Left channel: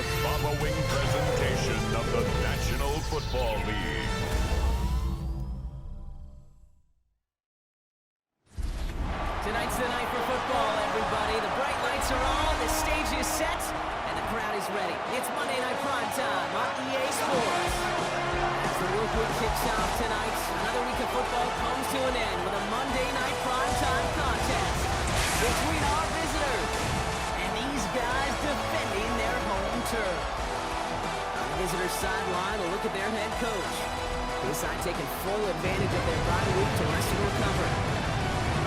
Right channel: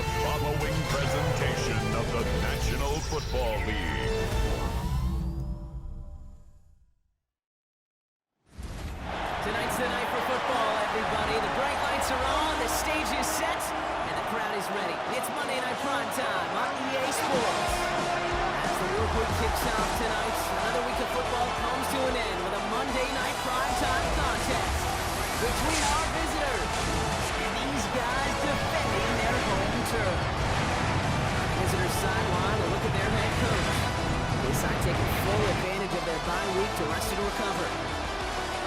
the following presentation of the National Football League. Tonight's the night for football, everybody. The bright lights are on, the stage is set, and the crowd is ready. It's Monday Night Primetime on EA Sports. As the work week kicks off tonight, another week of football comes to an end with a Monday Night Primetime contest between our visitors and these guys defending their home turf. On the visitors' sideline, a look at their head coach. This side taking full advantage of their bye week to rest and recover.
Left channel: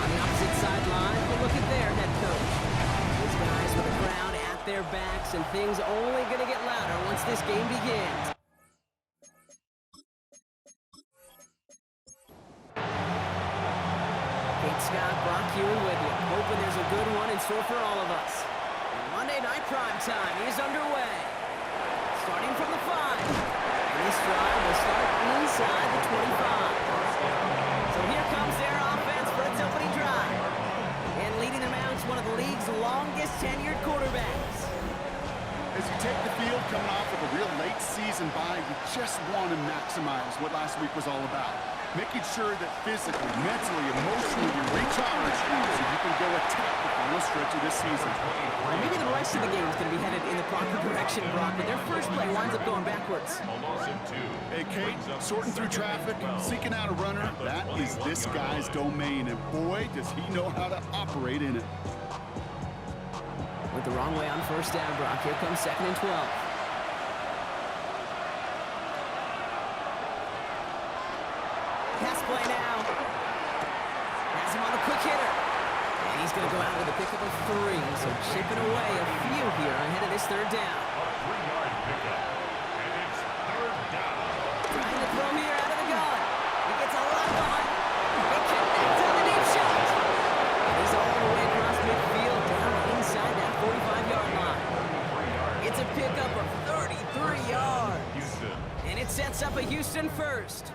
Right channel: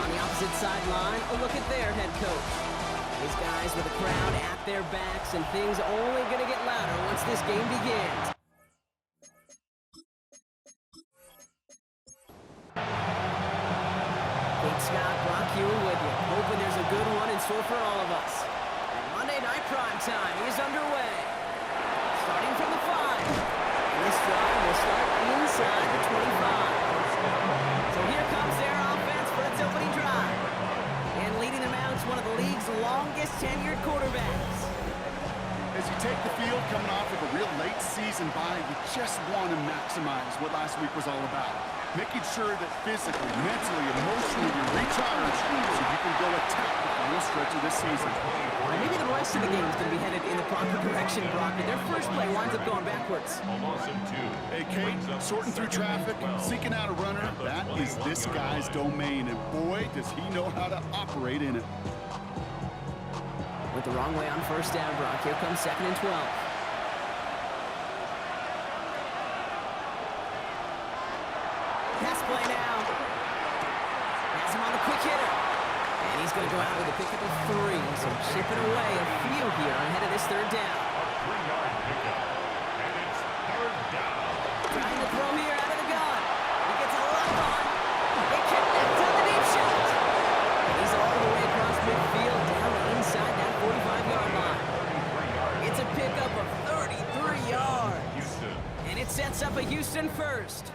On the opposite sideline, a look at their head coach. These guys with a crowd at their backs, and things only going to get louder once this game begins. Kate Scott, Brock Ewan with you, hoping there's a good one in store for all of us. And Monday Night Primetime is underway. Starting from the 5. And this drive will start inside the 25. So here comes their offense for its opening drive. And leading them out is one of the league's longest tenured quarterbacks. As you take the field coming off of a real late season bye, you just want to maximize what last week was all about. Making sure that physically, mentally, emotionally you're recharged so you can go attack the final stretch of this season. Well, maybe the rest of the game is going to be headed in the proper direction, Brock, but their first play winds up going backwards. Hey, Kate, sorting through traffic, seeking out a runner, that is this guy's domain, and boy, does he know how to operate in it. Went the wrong way on first down, Brock. Here comes 2nd and 12. Pass play now. Has him on the quick hitter. And he's going to go out with a pickup of 3. So chipping away a few here ahead of this 3rd down. A 3-yard pickup, and it's 3rd down. Trying to throw here out of the gun. He gets a lock on. He connects on the deep shot. And he's all the way across midfield down inside that 45-yard line. It's a pickup of 33 yards. Houston. And it sets up a Houston first.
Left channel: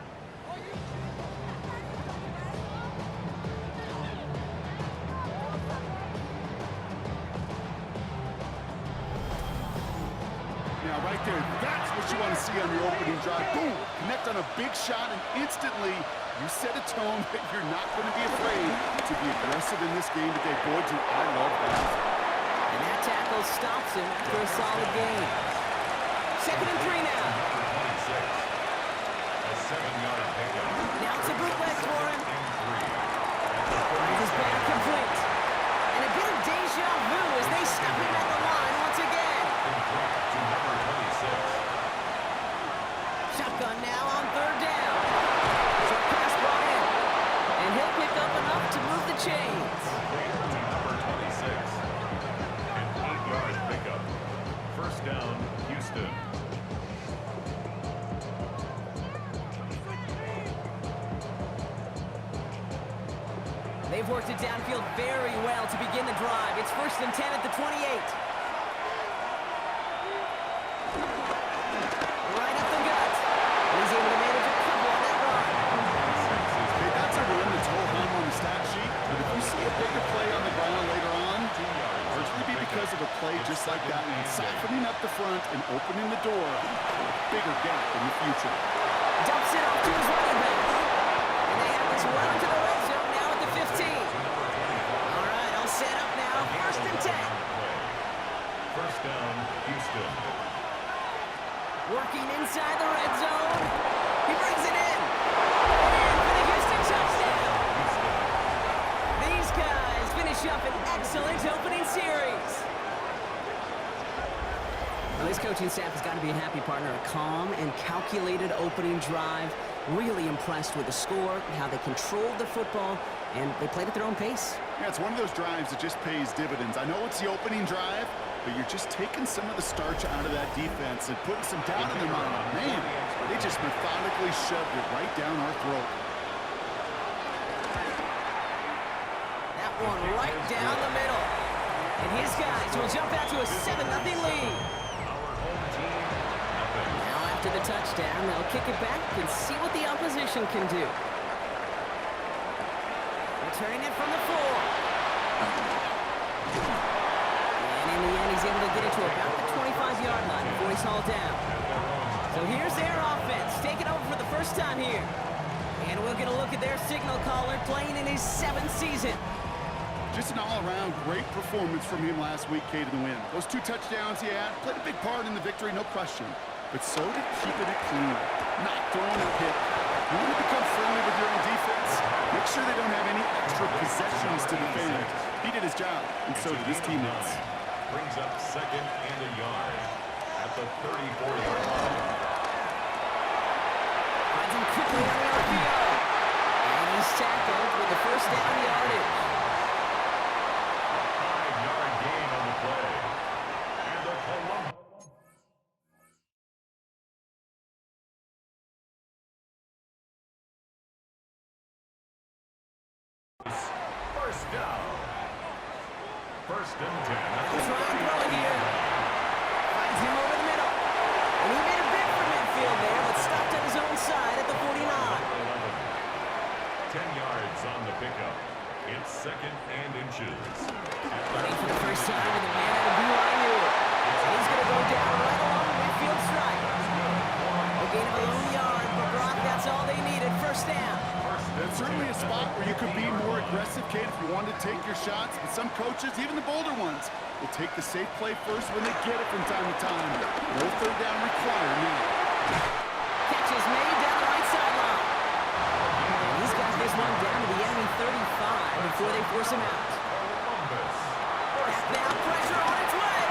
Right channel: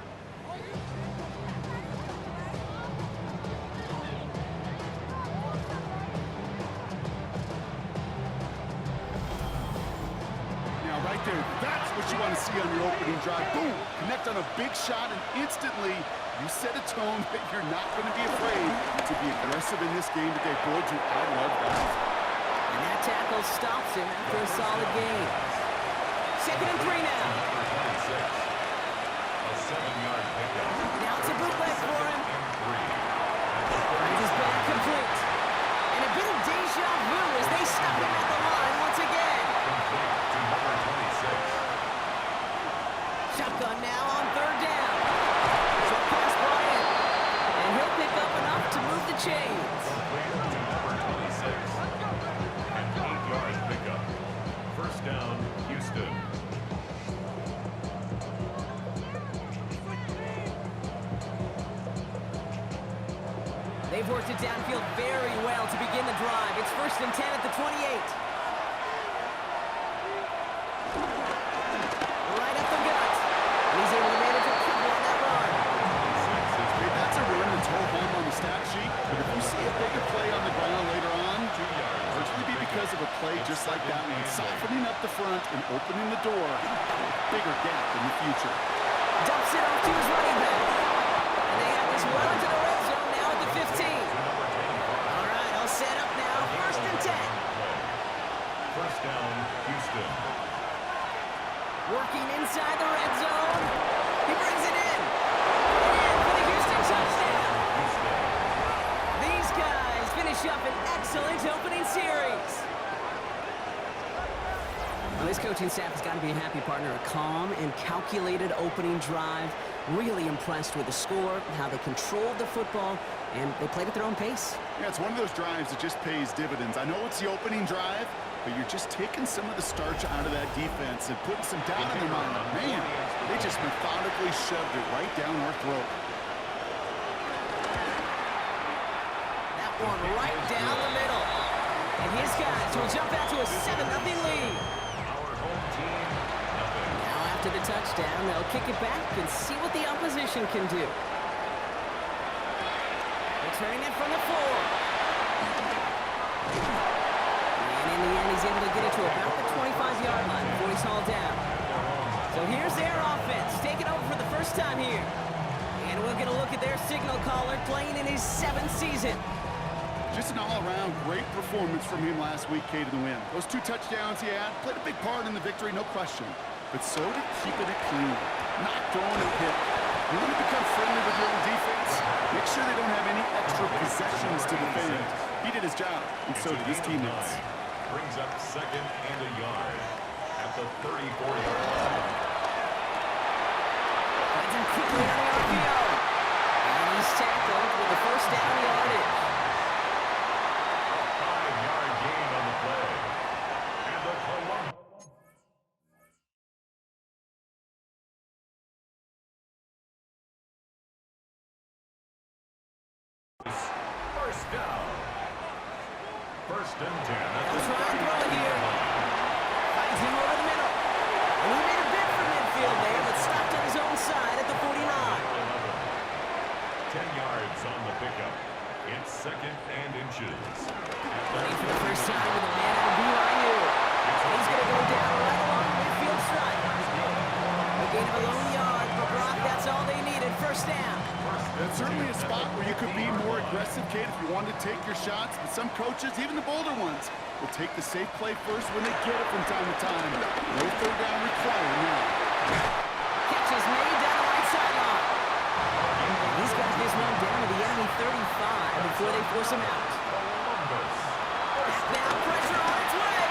Now, right there, that's what you want to see on your opening drive. Boom! Connect on a big shot, and instantly you set a tone that you're not going to be afraid to be aggressive in this game today. Boy, do I love that. And that tackle stops him after a solid gain. 2nd and 3 now. Number 26. A 7-yard pickup. Now it's a bootleg for him. And 3. Finds his back complete. And a bit of deja vu as they stop him at the line once again. Complete to number 26. Shotgun now on 3rd down. Short pass brought in. And he'll pick up enough to move the chains. Complete to number 26. An 8-yard pickup. First down, Houston. They've worked it downfield very well to begin the drive. It's 1st and 10 at the 28. Right up the gut. And he's able to manage a couple on that run. Hey, that's a run that's ho-hum on the stat sheet, but if you see a bigger play on the ground later on, 2 yards. largely be because of a play just like that one, softening up the front and opening the door for a bigger gap in the future. Dumps it off to his running back. And they have this well into the red zone now at the 15. All right, all set up now. 1st and 10. First down, Houston. Working inside the red zone. He brings it in. And in for the Houston touchdown. Houston. These guys finish up an excellent opening series. Well, this coaching staff has got to be a happy partner. A calm and calculated opening drive. Really impressed with the score, how they controlled the football, and they played at their own pace. Yeah, it's one of those drives that just pays dividends. I know it's the opening drive, but you're just taking some of the starch out of that defense and putting some doubt in their mind. Like, man, they just methodically shoved it right down our throat. That one right down the middle. And his guys will jump out to a 7-0 lead. Our home team, nothing. Now after the touchdown, they'll kick it back and see what the opposition can do. Returning it from the 4. And in the end, he's able to get it to about the 25. 25-yard line before he's hauled down. So here's their offense, taking over for the first time here. And we'll get a look at their signal caller playing in his 7th season. Just an all-around great performance from him last week, Kate, in the win. Those 2 touchdowns he had played a big part in the victory, no question. But so did keeping it clean, not throwing a pick. You want to become friendly with your own defense? Make sure they don't have any extra possessions to defend. He did his job, and so did his teammates. Brings up 2nd and a yard at the 34-yard line. Finds him quickly on the RPO. And he's tackled with the first down yardage. A 5-yard gain on the play. And the Columbus. First down. 1st and 10 at the He'll try and throw it here. Finds him over the middle. And he made a bid for midfield there, but stopped on his own side at the 49. 10 yards on the pickup. It's 2nd and inches. Running for the first time with a man out of BYU. And he's going to go down right along the midfield stripe. A gain of a lone yard, but Brock, that's all they needed. First down. That's certainly a spot where you could be more aggressive, Kate, if you wanted to take your shots. But some coaches, even the bolder ones, will take the safe play first when they get it from time to time. No 3rd down required now. Catch is made down the right sideline. And he's got this one down to the enemy 35 before they force him out. Now pressure on its way.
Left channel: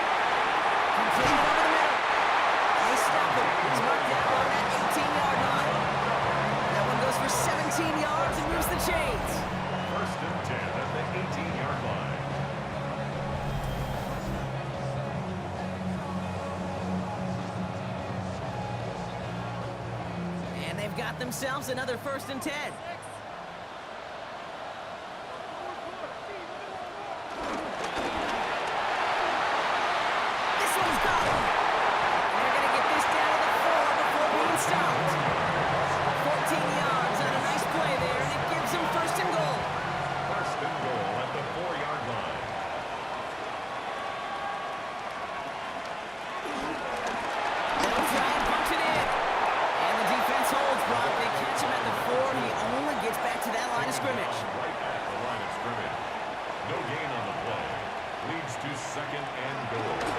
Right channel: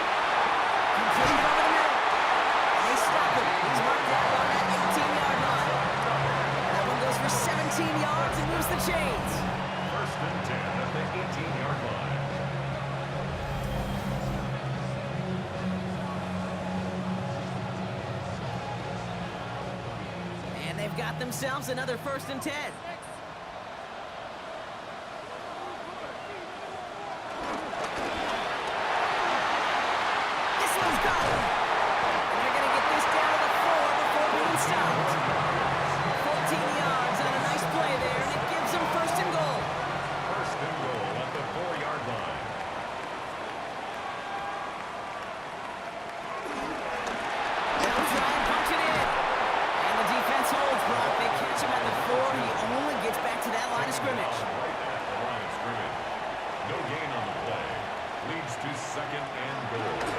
Completed over the middle. And they stop him. He's marked down on that 18-yard line. That one goes for 17 yards and moves the chains. 1st and 10 at the 18-yard line. And they've got themselves another 1st and 10. This one's gone. And they're going to get this down to the 4 before being stopped. 14 yards on a nice play there, and it gives them 1st and goal. 1st and goal at the 4-yard line. They'll try and punch it in. And the defense holds, Brock. They catch him at the 4. He only gets back to that line of scrimmage. Right at the line of scrimmage. No gain on the play. Leads to 2nd and goal. At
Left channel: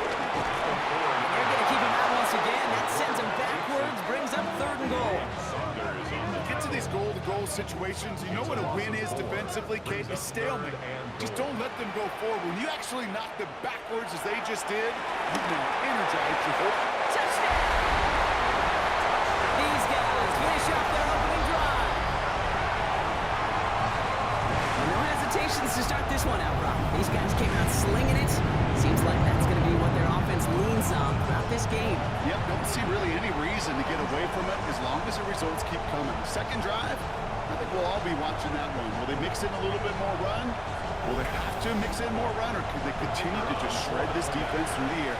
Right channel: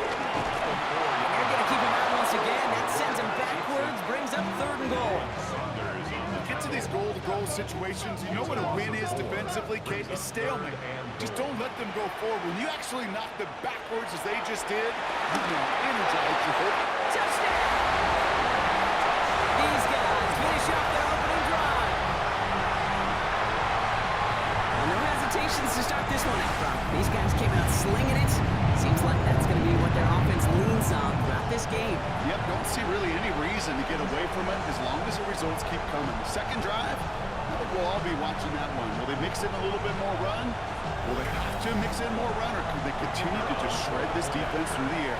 the 4. They're going to keep him out once again. That sends him backwards, brings up 3rd and goal. Saunders on the Get to these goal-to-goal situations. You know what a win is defensively, Kate? Is stalemate. Just don't let them go forward. When you actually knock them backwards as they just did, you've now energized your whole... Touchdown! These guys finish off their opening drive. Well, no hesitations to start this one out, Brock. These guys came out slinging it. Seems like that's going to be what their offense leans on throughout this game. Yep, don't see really any reason to get away from it as long as the results keep coming. The 2nd drive, I think we'll all be watching that one. Will they mix in a little bit more run? Will they have to mix in more run, or could they continue to just shred this defense through the air?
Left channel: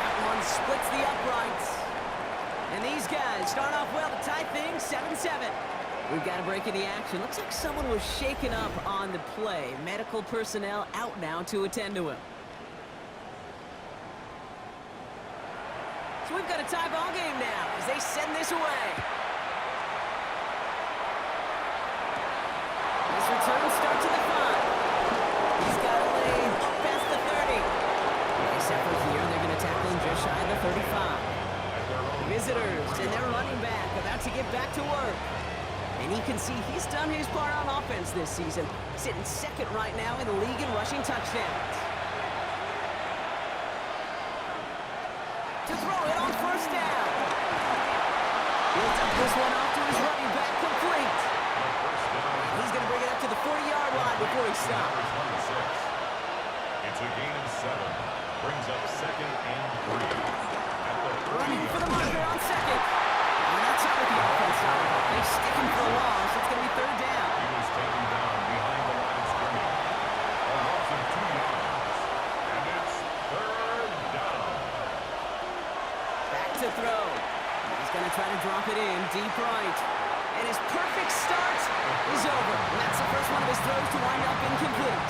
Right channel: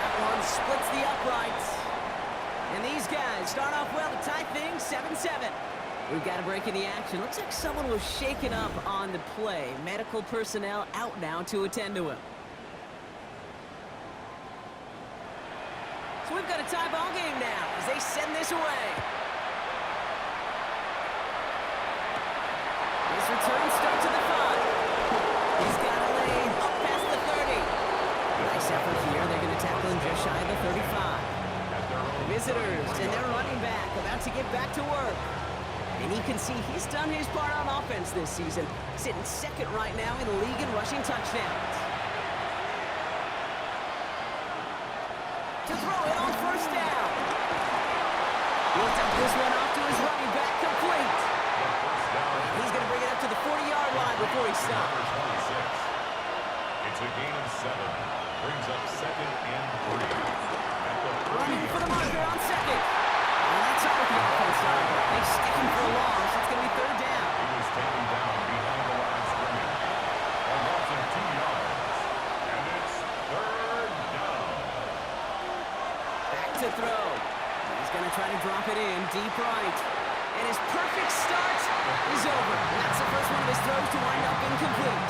That one splits the uprights. And these guys start off well to tie things 7-7. We've got a break in the action. Looks like someone was shaken up on the play. Medical personnel out now to attend to him. So we've got a tie ball game now as they send this away. This return starts at the 5. He's got a lane up past the 30. Nice effort here. They're going to tackle him just shy of the 35. The visitors and their running back about to get back to work. And you can see he's done his part on offense this season, sitting 2nd right now in the league in rushing touchdowns. To throw it on 1st down. He'll dump this one off to his running back, complete. And he's going to bring it up to the 40-yard line before he stops. It's a gain of 7. Brings up 2nd and 3. At the 30. Running for the marker on 2nd. And that's not what the offense done. They stick him for a loss. It's going to be 3rd down. He was taken down behind the line of scrimmage. A loss of 2 yards. And it's 3rd down. Back to throw. He's going to try to drop it in deep right. And his perfect start is over. And that's a first one of his throws to wind up incomplete.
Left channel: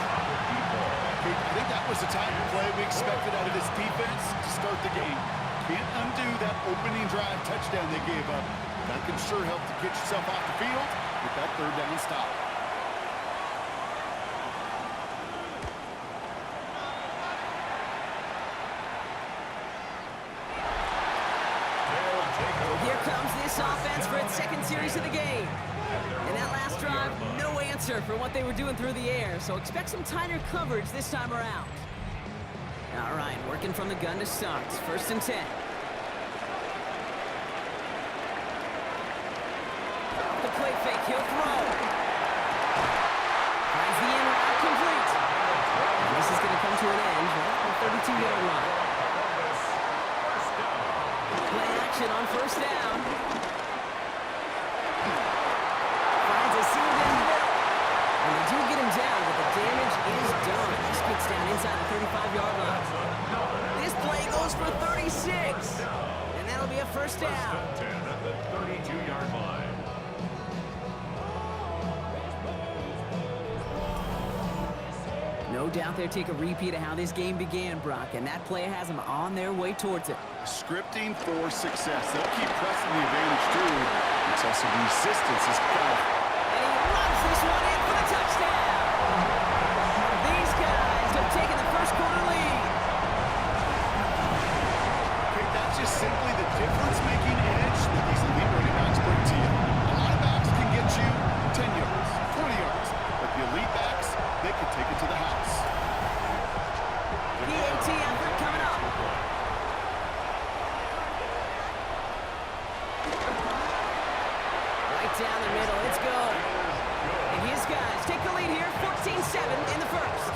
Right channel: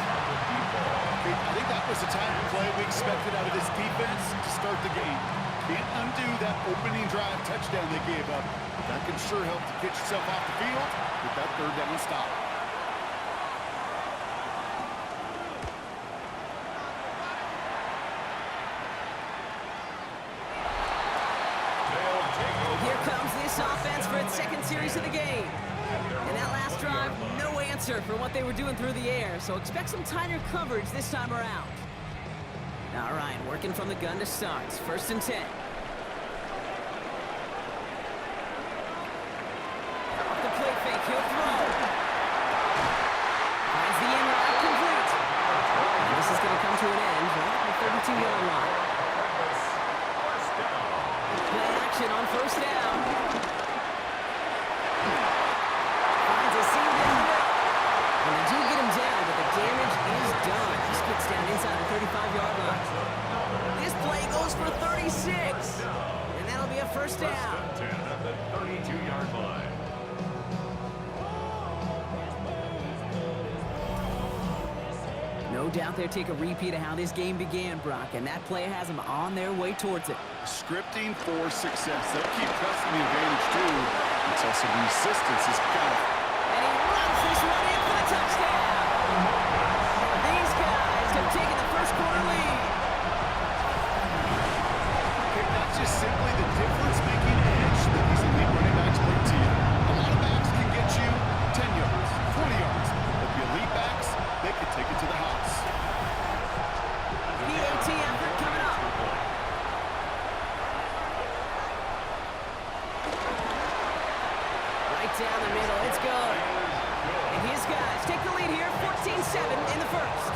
I think that was the type of play we expected out of this defense to start the game. Can't undo that opening drive touchdown they gave up. But that can sure help to get yourself off the field with that third down stop. Here comes this offense for its second series of the game. And that last drive, no answer for what they were doing through the air, so expect some tighter coverage this time around. All right, working from the gun to start. First and 10. Off the play fake, he'll throw. Finds the end route complete. And this is going to come to an end right at the 32-yard line. Play action on first down. Finds a seam down the middle. And they do get him down, but the damage is done. This gets down inside the 35-yard line. This play goes for 36. And that'll be a first down. First and 10 at the 32-yard line. No doubt they'll take a repeat of how this game began, Brock, and that play has them on their way towards it. Scripting for success. They'll keep pressing the advantage, too, until some resistance is got. And he runs this one in for the touchdown. These guys have taken the first quarter lead. Okay, that's just simply the difference-making edge that these elite running backs bring to you. A lot of backs can get you 10 yards, 20 yards, but the elite backs, they can take it to the house. PAT effort coming up. Right down the middle, it's good. And his guys take the lead here, 14-7 in the first.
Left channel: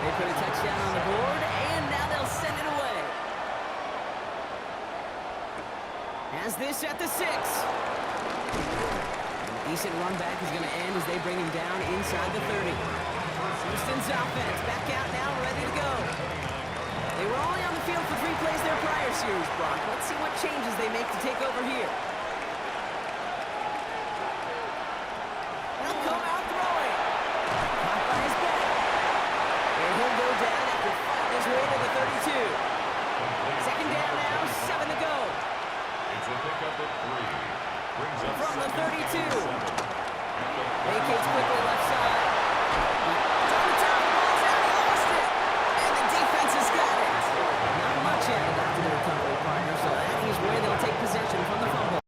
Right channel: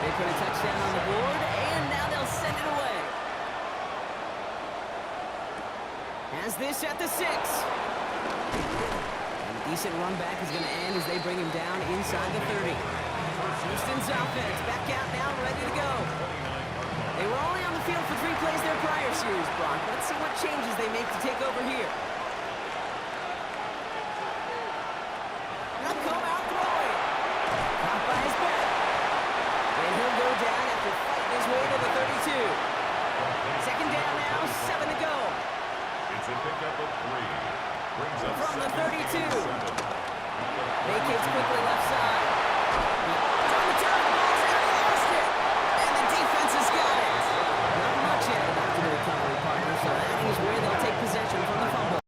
They put a touchdown on the board, and now they'll send it away. Has this at the 6. And a decent run back is going to end as they bring him down inside the 30. Houston's offense back out now, ready to go. They were only on the field for 3 plays their prior series, Brock. Let's see what changes they make to take over here. They'll come out throwing. Caught by his back. And he'll go down after fighting his way to the 32. Second down now, 7 to go. It's a pickup of 3. Brings up From the 32. Vacates quickly left side. It's on the turn, the ball's out, he lost it. And the defense has got it. Not much added after the recovery, partner, so that is where they'll take possession from the fumble.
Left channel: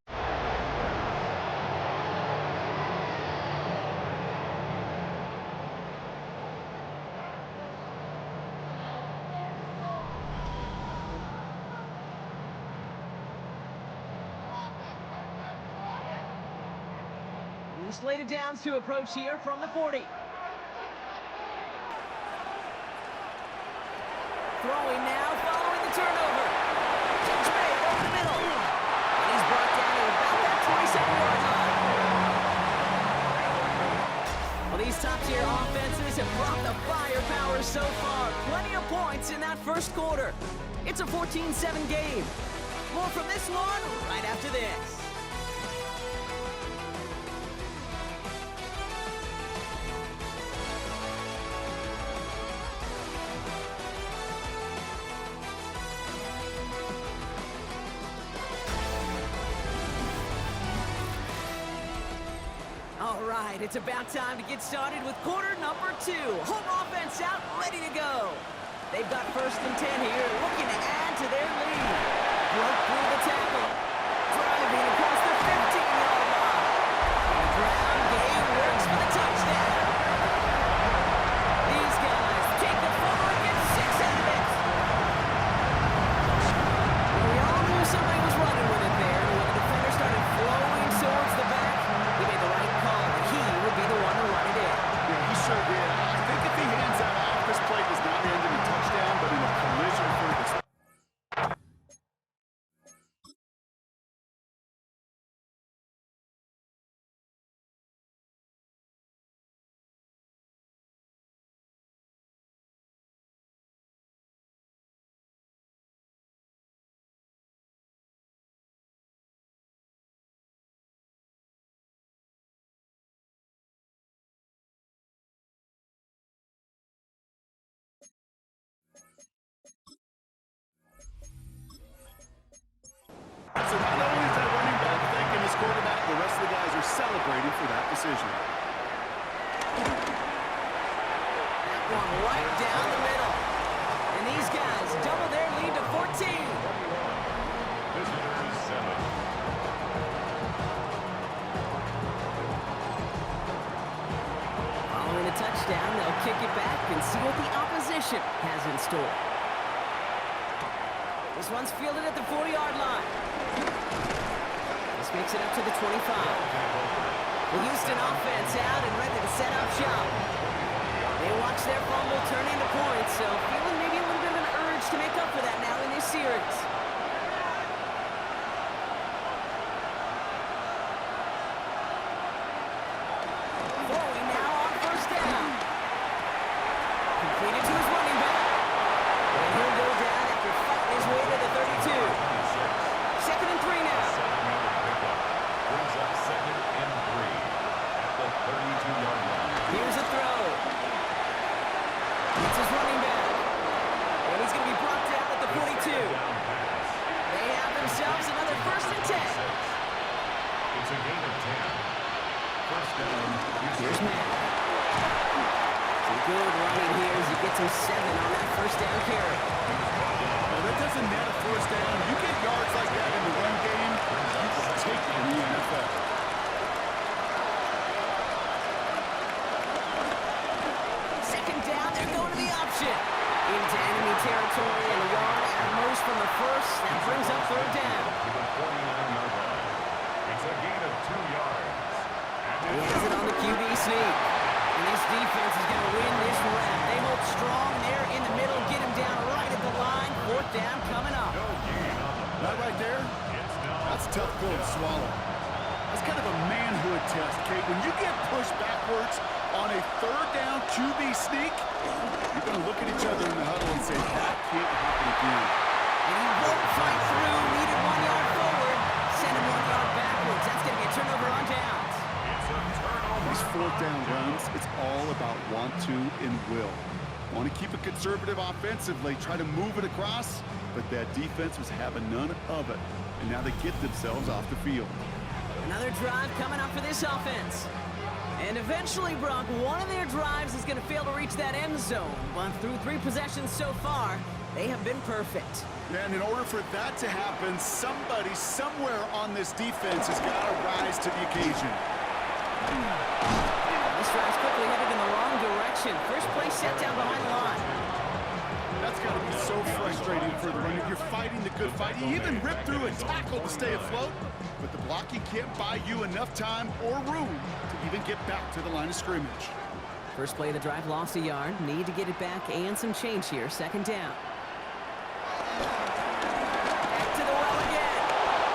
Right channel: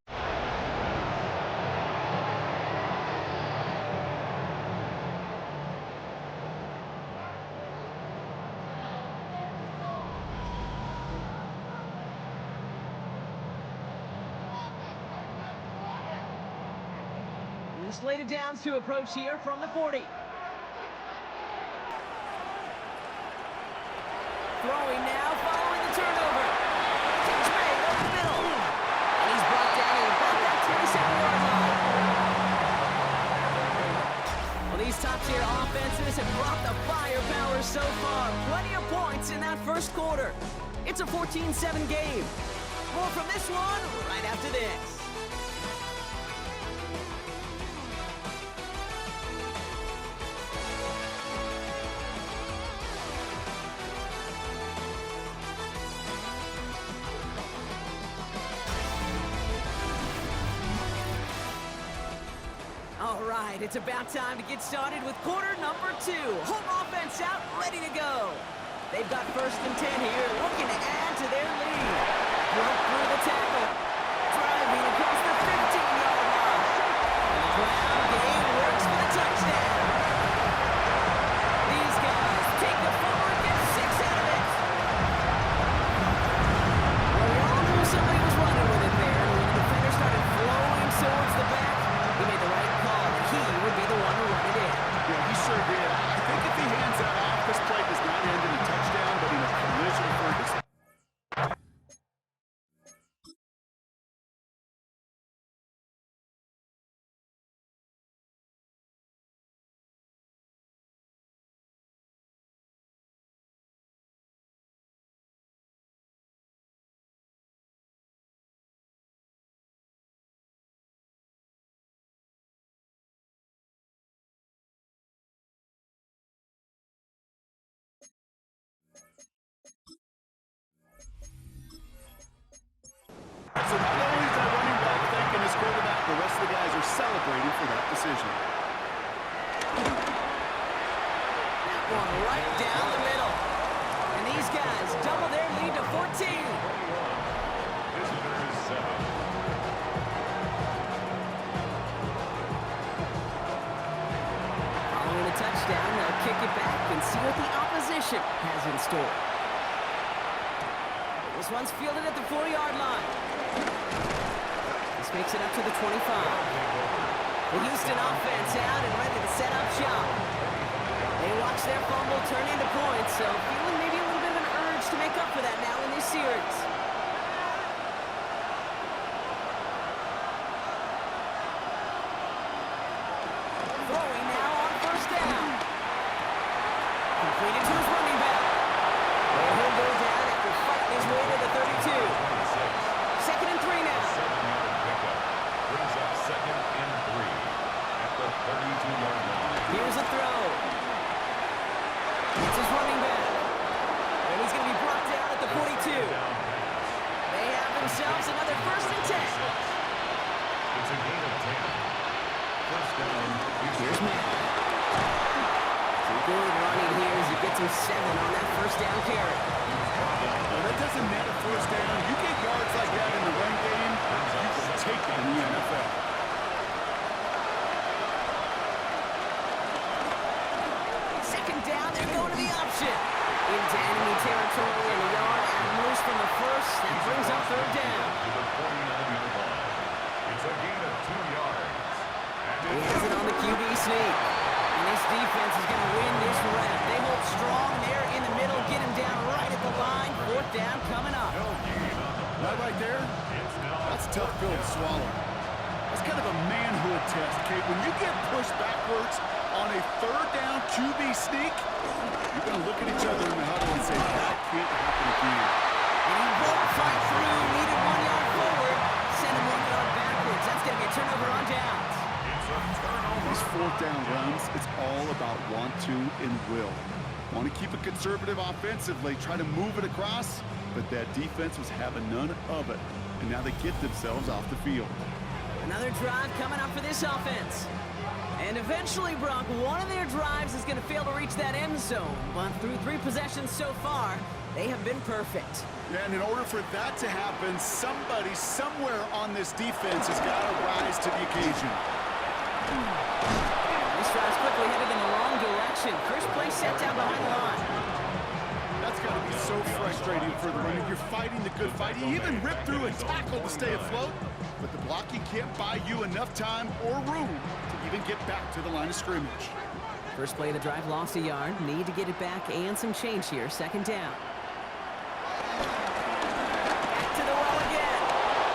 Slated downs to approach here from the 40. Throwing now, following the turnover. Catch made over the middle. And he's brought down at about that 27-yard line. Well, these top-tier offenses have brought the firepower so far. Plenty of points in that first quarter. It's a 14-7 game. More from this one right after this. All right, it's about time to get started with quarter number 2. Home offense out, ready to go. They've got first and 10 here, looking to add to their lead. Broke through the tackle, driving across the 15-yard line. And the ground game works for the touchdown. These guys take the forward and get 6 out of it. Well, we all knew somebody was running with it there, and when the defender started flowing towards the back, he made the right call, and he would be the one to run it in. Yeah, he sure did. I think if he hands that off, this play does not end in a touchdown, but in a collision for his are celebrating for that decision. That one right down the middle. And these guys double their lead to 14. Visitors 7. Following the touchdown, they'll kick it back and see what the opposition has in store. This one's fielded at the 40-yard line. This makes it up to the 25. The Houston offense out and ready to set up shop. They watch their fumble turn into points, so feeling maybe a little bit of an urge to make up for that now in this series. Throwing now on first down. Completed to his running back. And he'll go down after fighting his way to the 32. 2nd and 3 now. 7-yard pickup. Brings up 2nd and 3 at the 32-yard line. Here's a throw. It's his running back. And he's going to be brought down at the 42. They have themselves another 1st and 10. It's a gain of 10. First down. Here's Matt. Some good running here as he gets him 7 on that first down carry. Well, that doesn't net a first down. You get yards like that in the run game, you will take it in the NFL. Second down, they're going to the option. Into enemy territory and a yard at most from the first. That brings up 3rd down. To the 49-yard line. It's a gain of 2 yards. He has it on the QB sneak. And this defense is going to win this rep. They hold strong there in the middle, get him down right at the line. 4th down coming up. No gain on the play. That right there, that's a tough pill to swallow. That's kind of a manhood test, Kate. When you get pushed backwards on a 3rd down QB sneak, you're going to look at each other in the huddle and say, that can't happen again. And he won't fight through. Needed 1 yard forward. Send him 1 yard backwards. That's going to be a turnover on downs. These 4th down runs, it's all about want to and will. Want to keep it conservative offensively, try to move it across, but that defense was having none of it. And now they get themselves off the field. Another drive coming up for this offense. And eventually, Brock, one of their drives is going to fail to reach that end zone. But through 3 possessions so far, they have been perfect. Yeah, and in order for that to happen, somebody somewhere on this defense has got to rise to the occasion. This drive's quickly headed in the wrong direction. First play set down behind the line. That's got to be so frustrating for the runner. You're fighting the good fight. You even rip through a tackle to stay afloat, but the blocking can't buy you enough time or room to even get back to the line of scrimmage. First play of the drive lost a yard. Need to get it back and some change here. 2nd down. Back to the well again.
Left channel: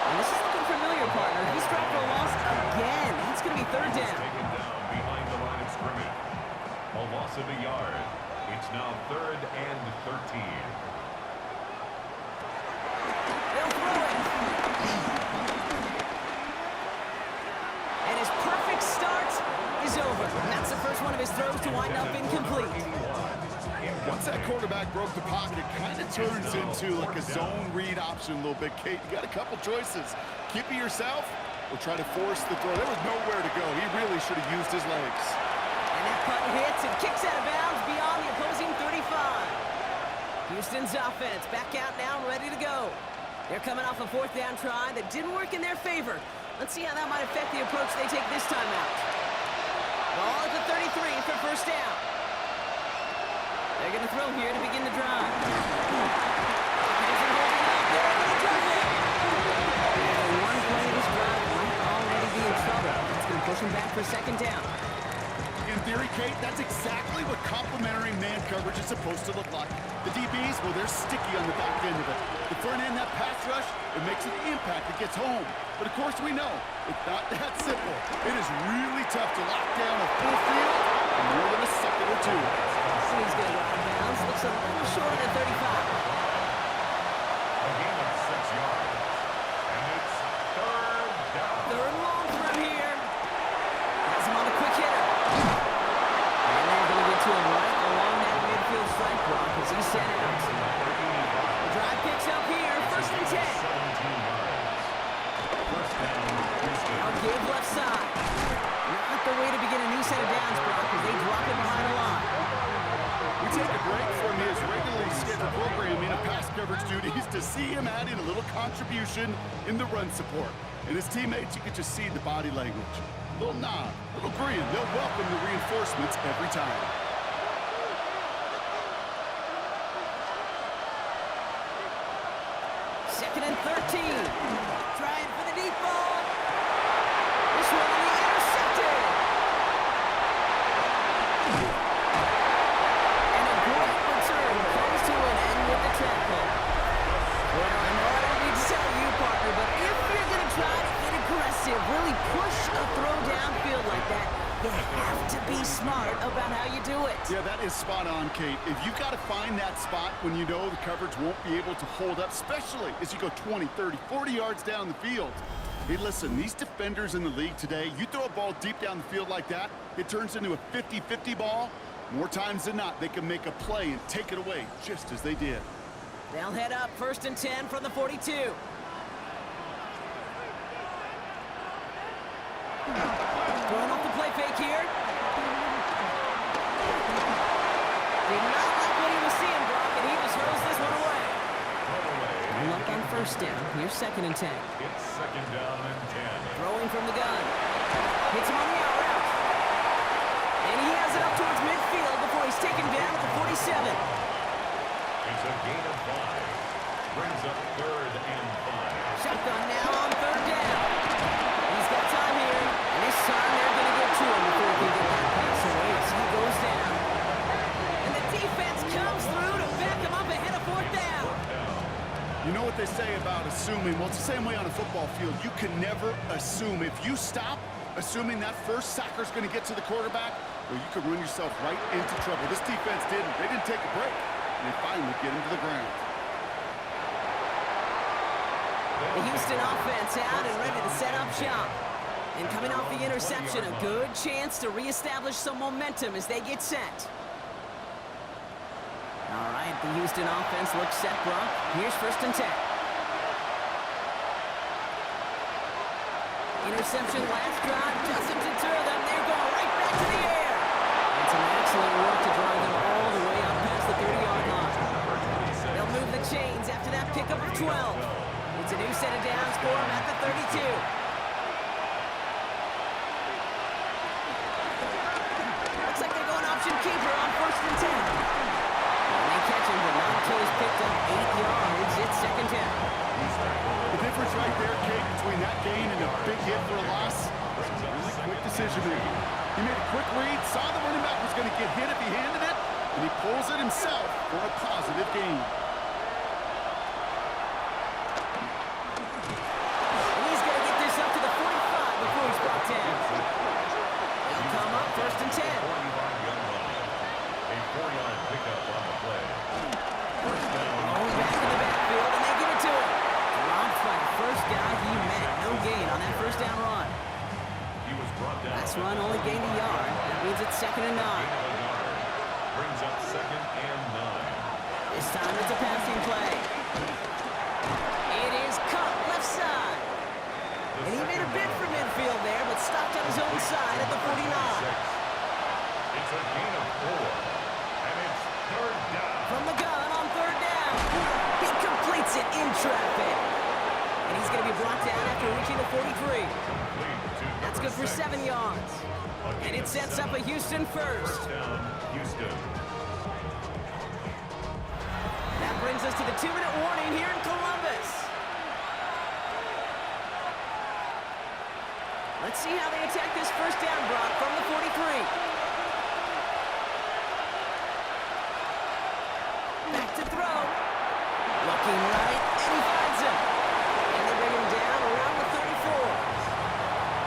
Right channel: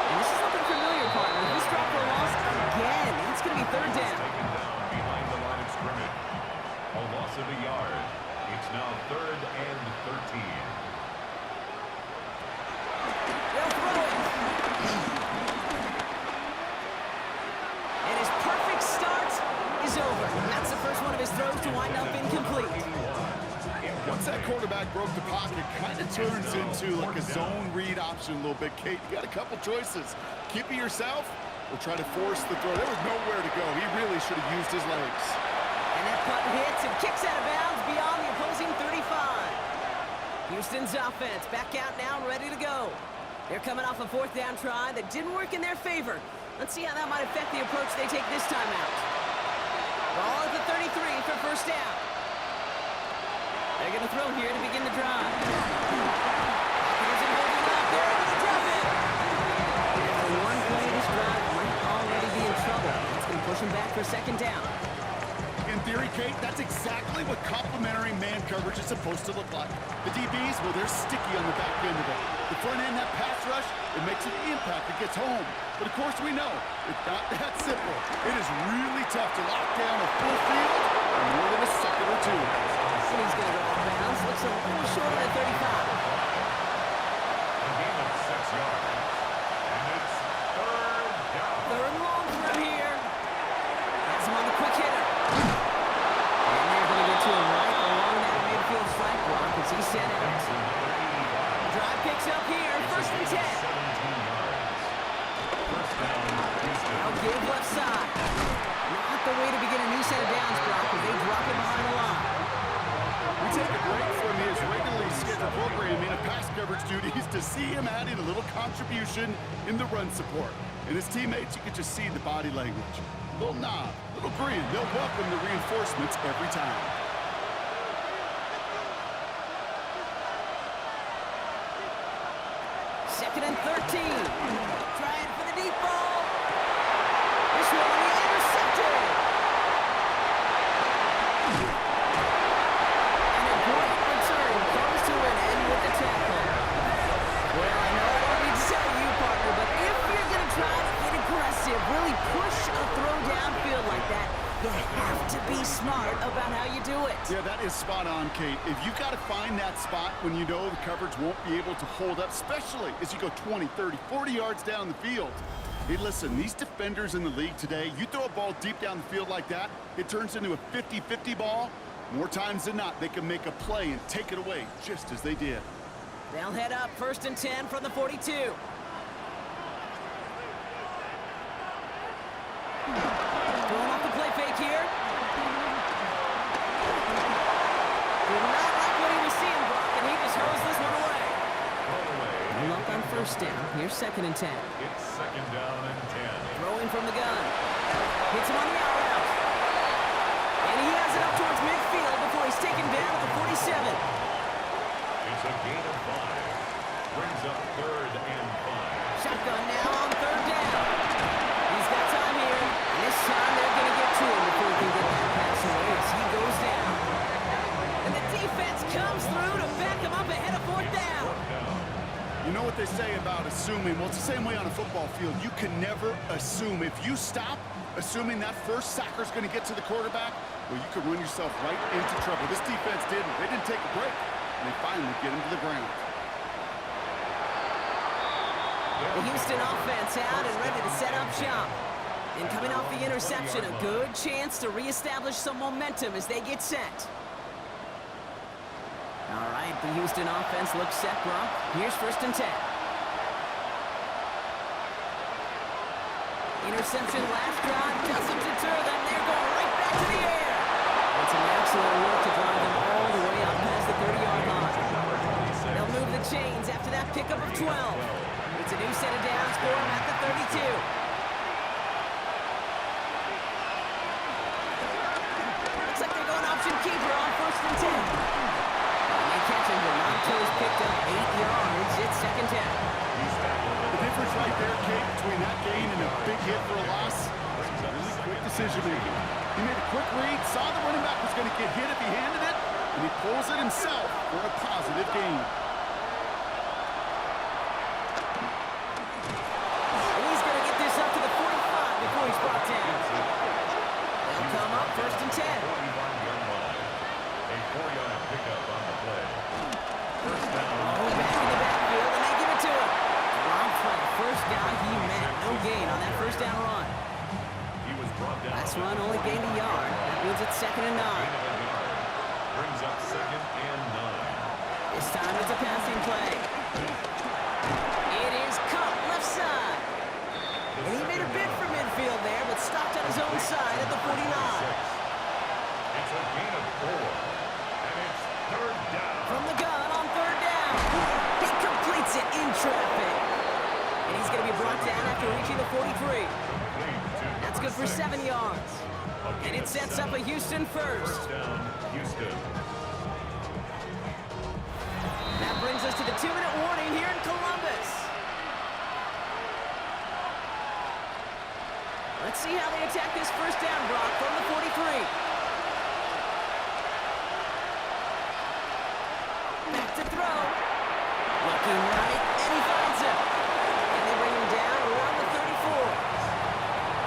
And this is looking familiar, partner. He's dropped for a loss again. It's going to be 3rd down. Taken down behind the line of scrimmage. A loss of a yard. It's now 3rd and 13. They'll throw it. And his perfect start is over. And that's the first one of his throws to wind up incomplete. Once that quarterback broke the pocket, it kind of turns into like a zone read option a little bit. Kate, you got a couple choices. Keep it yourself or try to force the throw. There was nowhere to go. He really should have used his legs. And that punt hits and kicks out of bounds beyond the opposing 35. Houston's offense back out now and ready to go. They're coming off a 4th down try that didn't work in their favor. Let's see how that might affect the approach they take this time out. Ball at the 33 for first down. They're going to throw here to begin the drive. Pocket isn't holding up. They're going to drop it. And one play this drive might already be in trouble. That's going to push him back for 2nd down. In theory, Kate, that's exactly what complementary man coverage is supposed to look like. The DBs, well, they're sticky on the back end of it. The front end, that pass rush, it makes an impact. It gets home. But, of course, we know it's not that simple. It is really tough to lock down a full field in more than a second or two. So he's going to go out of bounds. Looks a little short of the 35. A gain of 6 yards. And it's 3rd down. 3rd and long from here. Has him on the quick hitter. And they're going to get to him right along that midfield strike block as he's sent out. The drive picks up here. 1st and 10. 17 yards. First down, Houston. Now give left side. set of downs, Brock, as they drop it behind the line. We take a break from his regularly scheduled programming of pass coverage duties to see him adding a little contribution in the run support. And his teammates, you could just see the body language. Little nod, little grin. They'll welcome the reinforcements every time. Second and 13. Trying for the deep ball. This one will be intercepted. And a great return comes to an end with the tackle. Well, I know I don't need to tell you, partner, but if you're going to try to get aggressive, really push a throw downfield like that, you have to be smart about how you do it. Yeah, that is spot on, Kate. If you've got to find that spot when you know the coverage won't be able to hold up, especially as you go 20, 30, 40 yards down the field. Hey, listen, these defenders in the league today, you throw a ball deep down the field like that, it turns into a 50-50 ball. More times than not, they can make a play and take it away, just as they did. They'll head up 1st and 10 from the 42. Throwing off the play fake here. Did not like what he was seeing, Brock, and he just hurls this one away. And up on 1st down. Here's 2nd and 10. It's 2nd down and 10. Throwing from the gun. Hits him on the out route. And he has it up towards midfield before he's taken down at the 47. It's a gain of 5. Brings up 3rd and 5. Shotgun now on 3rd down. He's got time here. And this time they're going to get to him before he can get that pass away as he goes down. And the defense comes through to back him up ahead of 4th down. You know what they say about assuming? Well, it's the same way on a football field. You can never assume. If you stop assuming that first sacker's going to get to the quarterback, well, you could run yourself right into trouble. This defense didn't. They didn't take a break. And they finally get him to the ground. The Houston offense out and ready to set up shop. And coming off the interception, a good chance to reestablish some momentum as they get set. All right, the Houston offense looks set, Brock. Here's 1st and 10. Interception last drive doesn't deter them. They're going right back to the air. And some excellent work to drive them all the way up past the 30-yard line. They'll move the chains after that pickup of 12. It's a new set of downs for them at the 32. Looks like they're going option keeper on 1st and 10. And they catch him, but not until he's picked up 8 yards. It's 2nd down. The difference right there, Kate, between that gain and a big hit for a loss was really quick decision-making. He made a quick read, saw the running back was going to get hit if he handed it, and he pulls it himself for a positive gain. And he's going to get this up to the 45 before he's brought down. They'll come up 1st and 10. A 4-yard pickup on the play. 1st down. Oh, back in the backfield, and they give it to him. Dropped by the first guy he met. No gain on that 1st down run. He was brought down. Last run only gained a yard. That means it's 2nd and 9. Brings up 2nd and 9. This time it's a passing play. It is caught left side. And he made a bid for midfield there, but stopped on his own side at the 49. It's a gain of 4. And it's 3rd down. From the gun on 3rd down. He completes it in traffic. And he's going to be brought down after reaching the 43. That's good for 7 yards. And it sets up a Houston first. 1st down, Houston. That brings us to the 2-minute warning here in Columbus. Let's see how they attack this 1st down, Brock, from the 43. Back to throw. Looking right, and he finds him. And they bring him down around the 34.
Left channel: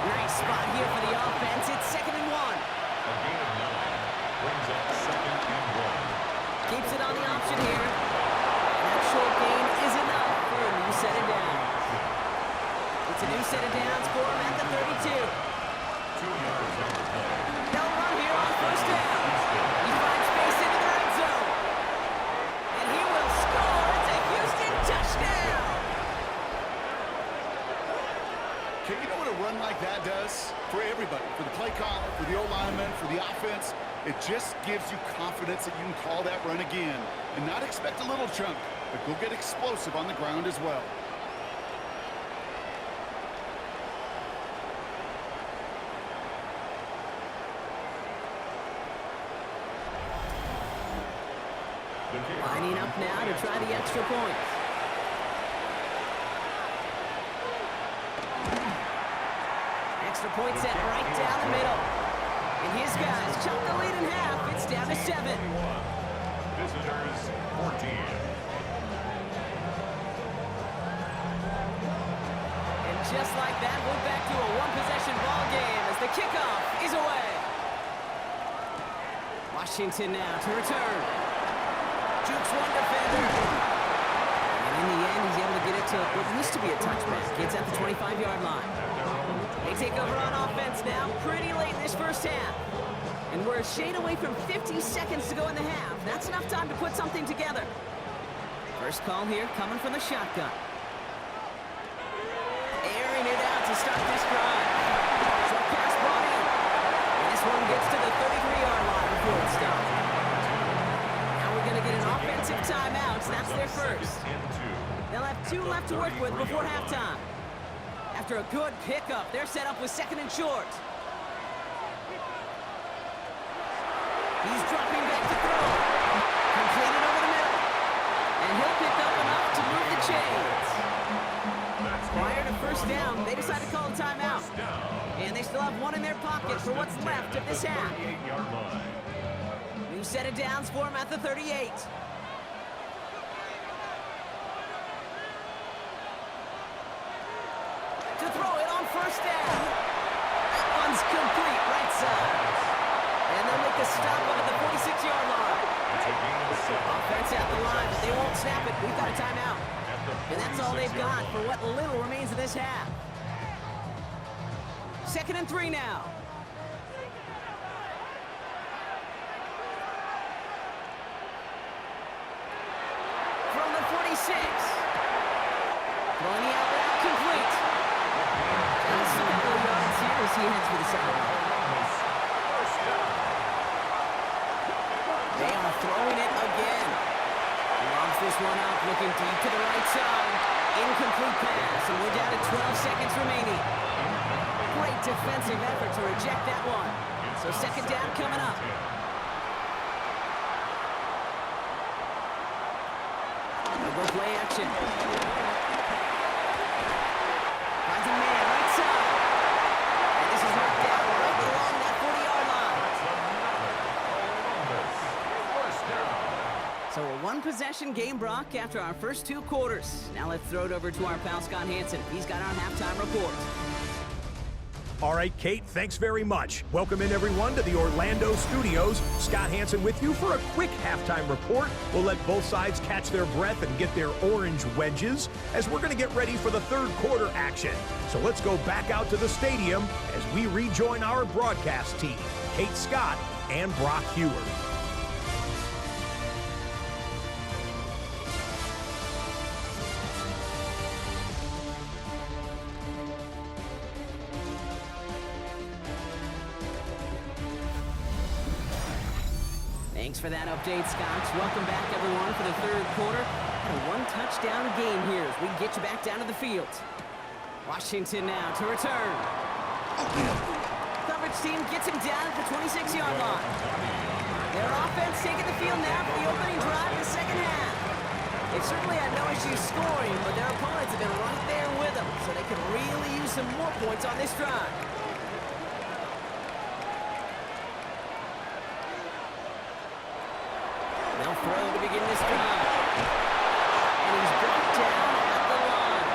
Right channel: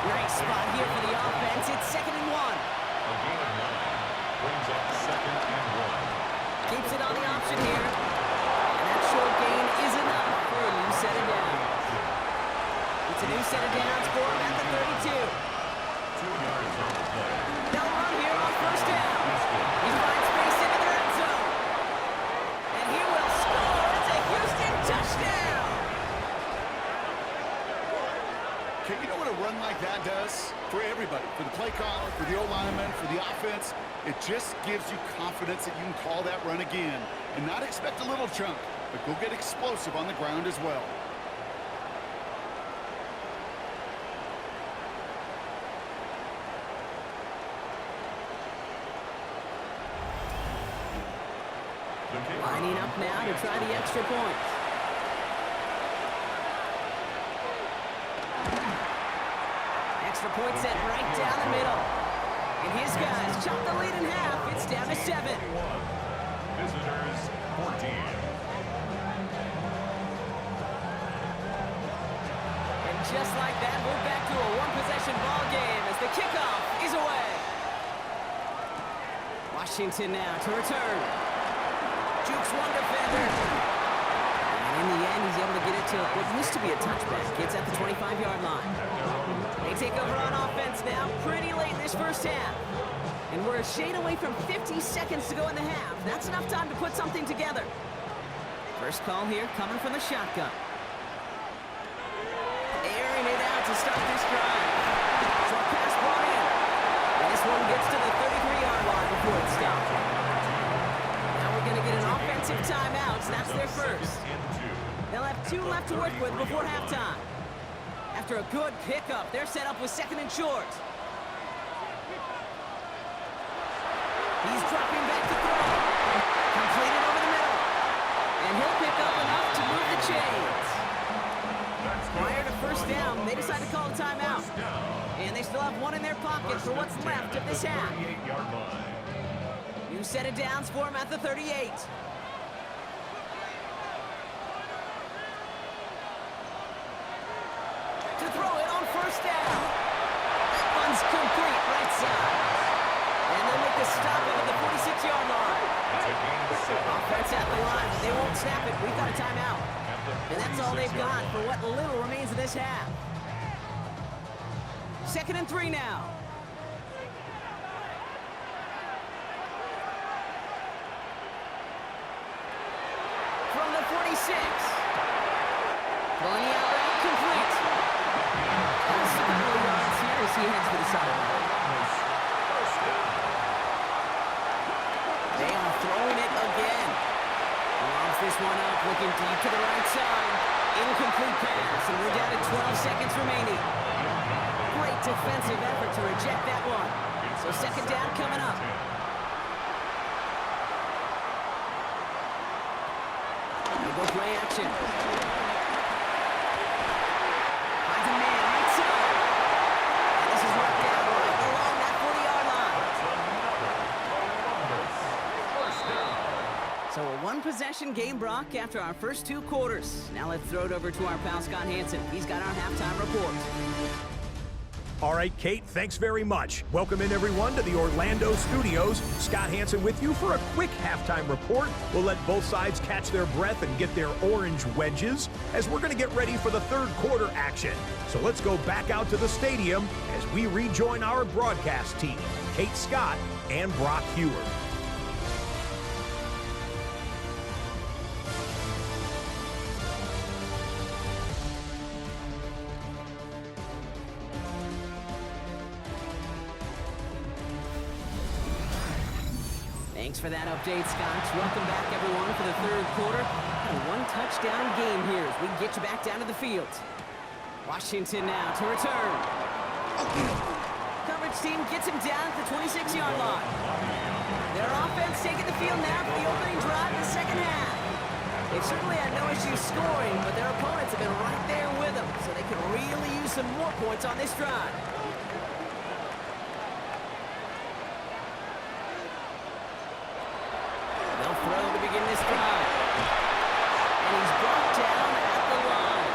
Nice spot here for the offense. It's 2nd and 1. A gain of 9. Brings up 2nd and 1. Keeps it on the option here. And that short gain is enough for a new set of downs. It's a new set of downs for him at the 32. 2 yards on the play. They'll run here on 1st down. He finds space into the red zone. And he will score. It's a Houston touchdown. Okay, you know what a run like that does? For everybody, for the play caller, for the O-lineman, for the offense, it just gives you confidence that you can call that run again and not expect a little chunk, but go get explosive on the ground as well. Lining up now to try the extra point. Extra point set right down the middle. And his guys chop the lead in half. It's down to 7. Visitors 14. And just like that, we're back to a one-possession ball game as the kickoff is away. Washington now to return. Jukes one defender. And in the end, he's able to get it to what used to be a touchback. It's at the 25-yard line. They take over on offense now pretty late in this first half. And we're a shade away from 50 seconds to go in the half. That's enough time to put something together. First call here coming from the shotgun. Airing it out to start this drive. Short pass brought in. And this one gets to the 33-yard line before it's stopped. We're going to get an offensive timeout. That's their first. They'll have 2 left to work with before halftime. After a good pickup, they're set up with 2nd and short. He's dropping back to throw. Completed over the middle. And he'll pick up enough to move the chains. Prior to first down, they decide to call a timeout. And they still have 1 in their pocket for what's left of this half. New set of downs for him at the 38. To throw it on first down. That one's complete, right side. And they'll make the stop up at the 46-yard line. Offense at the line, but they won't snap it. We've got a timeout. And that's all they've got for what little remains of this half. 2nd and 3 now. From the 46. Throwing the out route complete. Just a couple of yards here as he heads for the sideline. They are throwing it again. Lobs this one up, looking deep to the right side. Incomplete pass, and we're down to 12 seconds remaining. Great defensive effort to reject that one. So 2nd down coming up. Go play action. Finds a man right side. And this is marked down right along that 40-yard line. That's another Columbus first down. So a one-possession game, Brock, after our first 2 quarters. Now let's throw it over to our pal Scott Hansen. He's got our halftime report. All right, Kate, thanks very much. Welcome in, everyone, to the Orlando studios. Scott Hansen with you for a quick halftime report. We'll let both sides catch their breath and get their orange wedges as we're going to get ready for the 3rd quarter action. So let's go back out to the stadium as we rejoin our broadcast team, Kate Scott and Brock Hewer. Thanks for that update, Scott. Welcome back, everyone, for the 3rd quarter. Had a 1-touchdown game here as we get you back down to the field. Washington now to return. Coverage team gets him down at the 26-yard line. Their offense taking the field now for the opening drive of the 2nd half. They've certainly had no issues scoring, but their opponents have been right there with them, so they can really use some more points on this drive. They'll throw to begin this drive. And he's brought down at the line.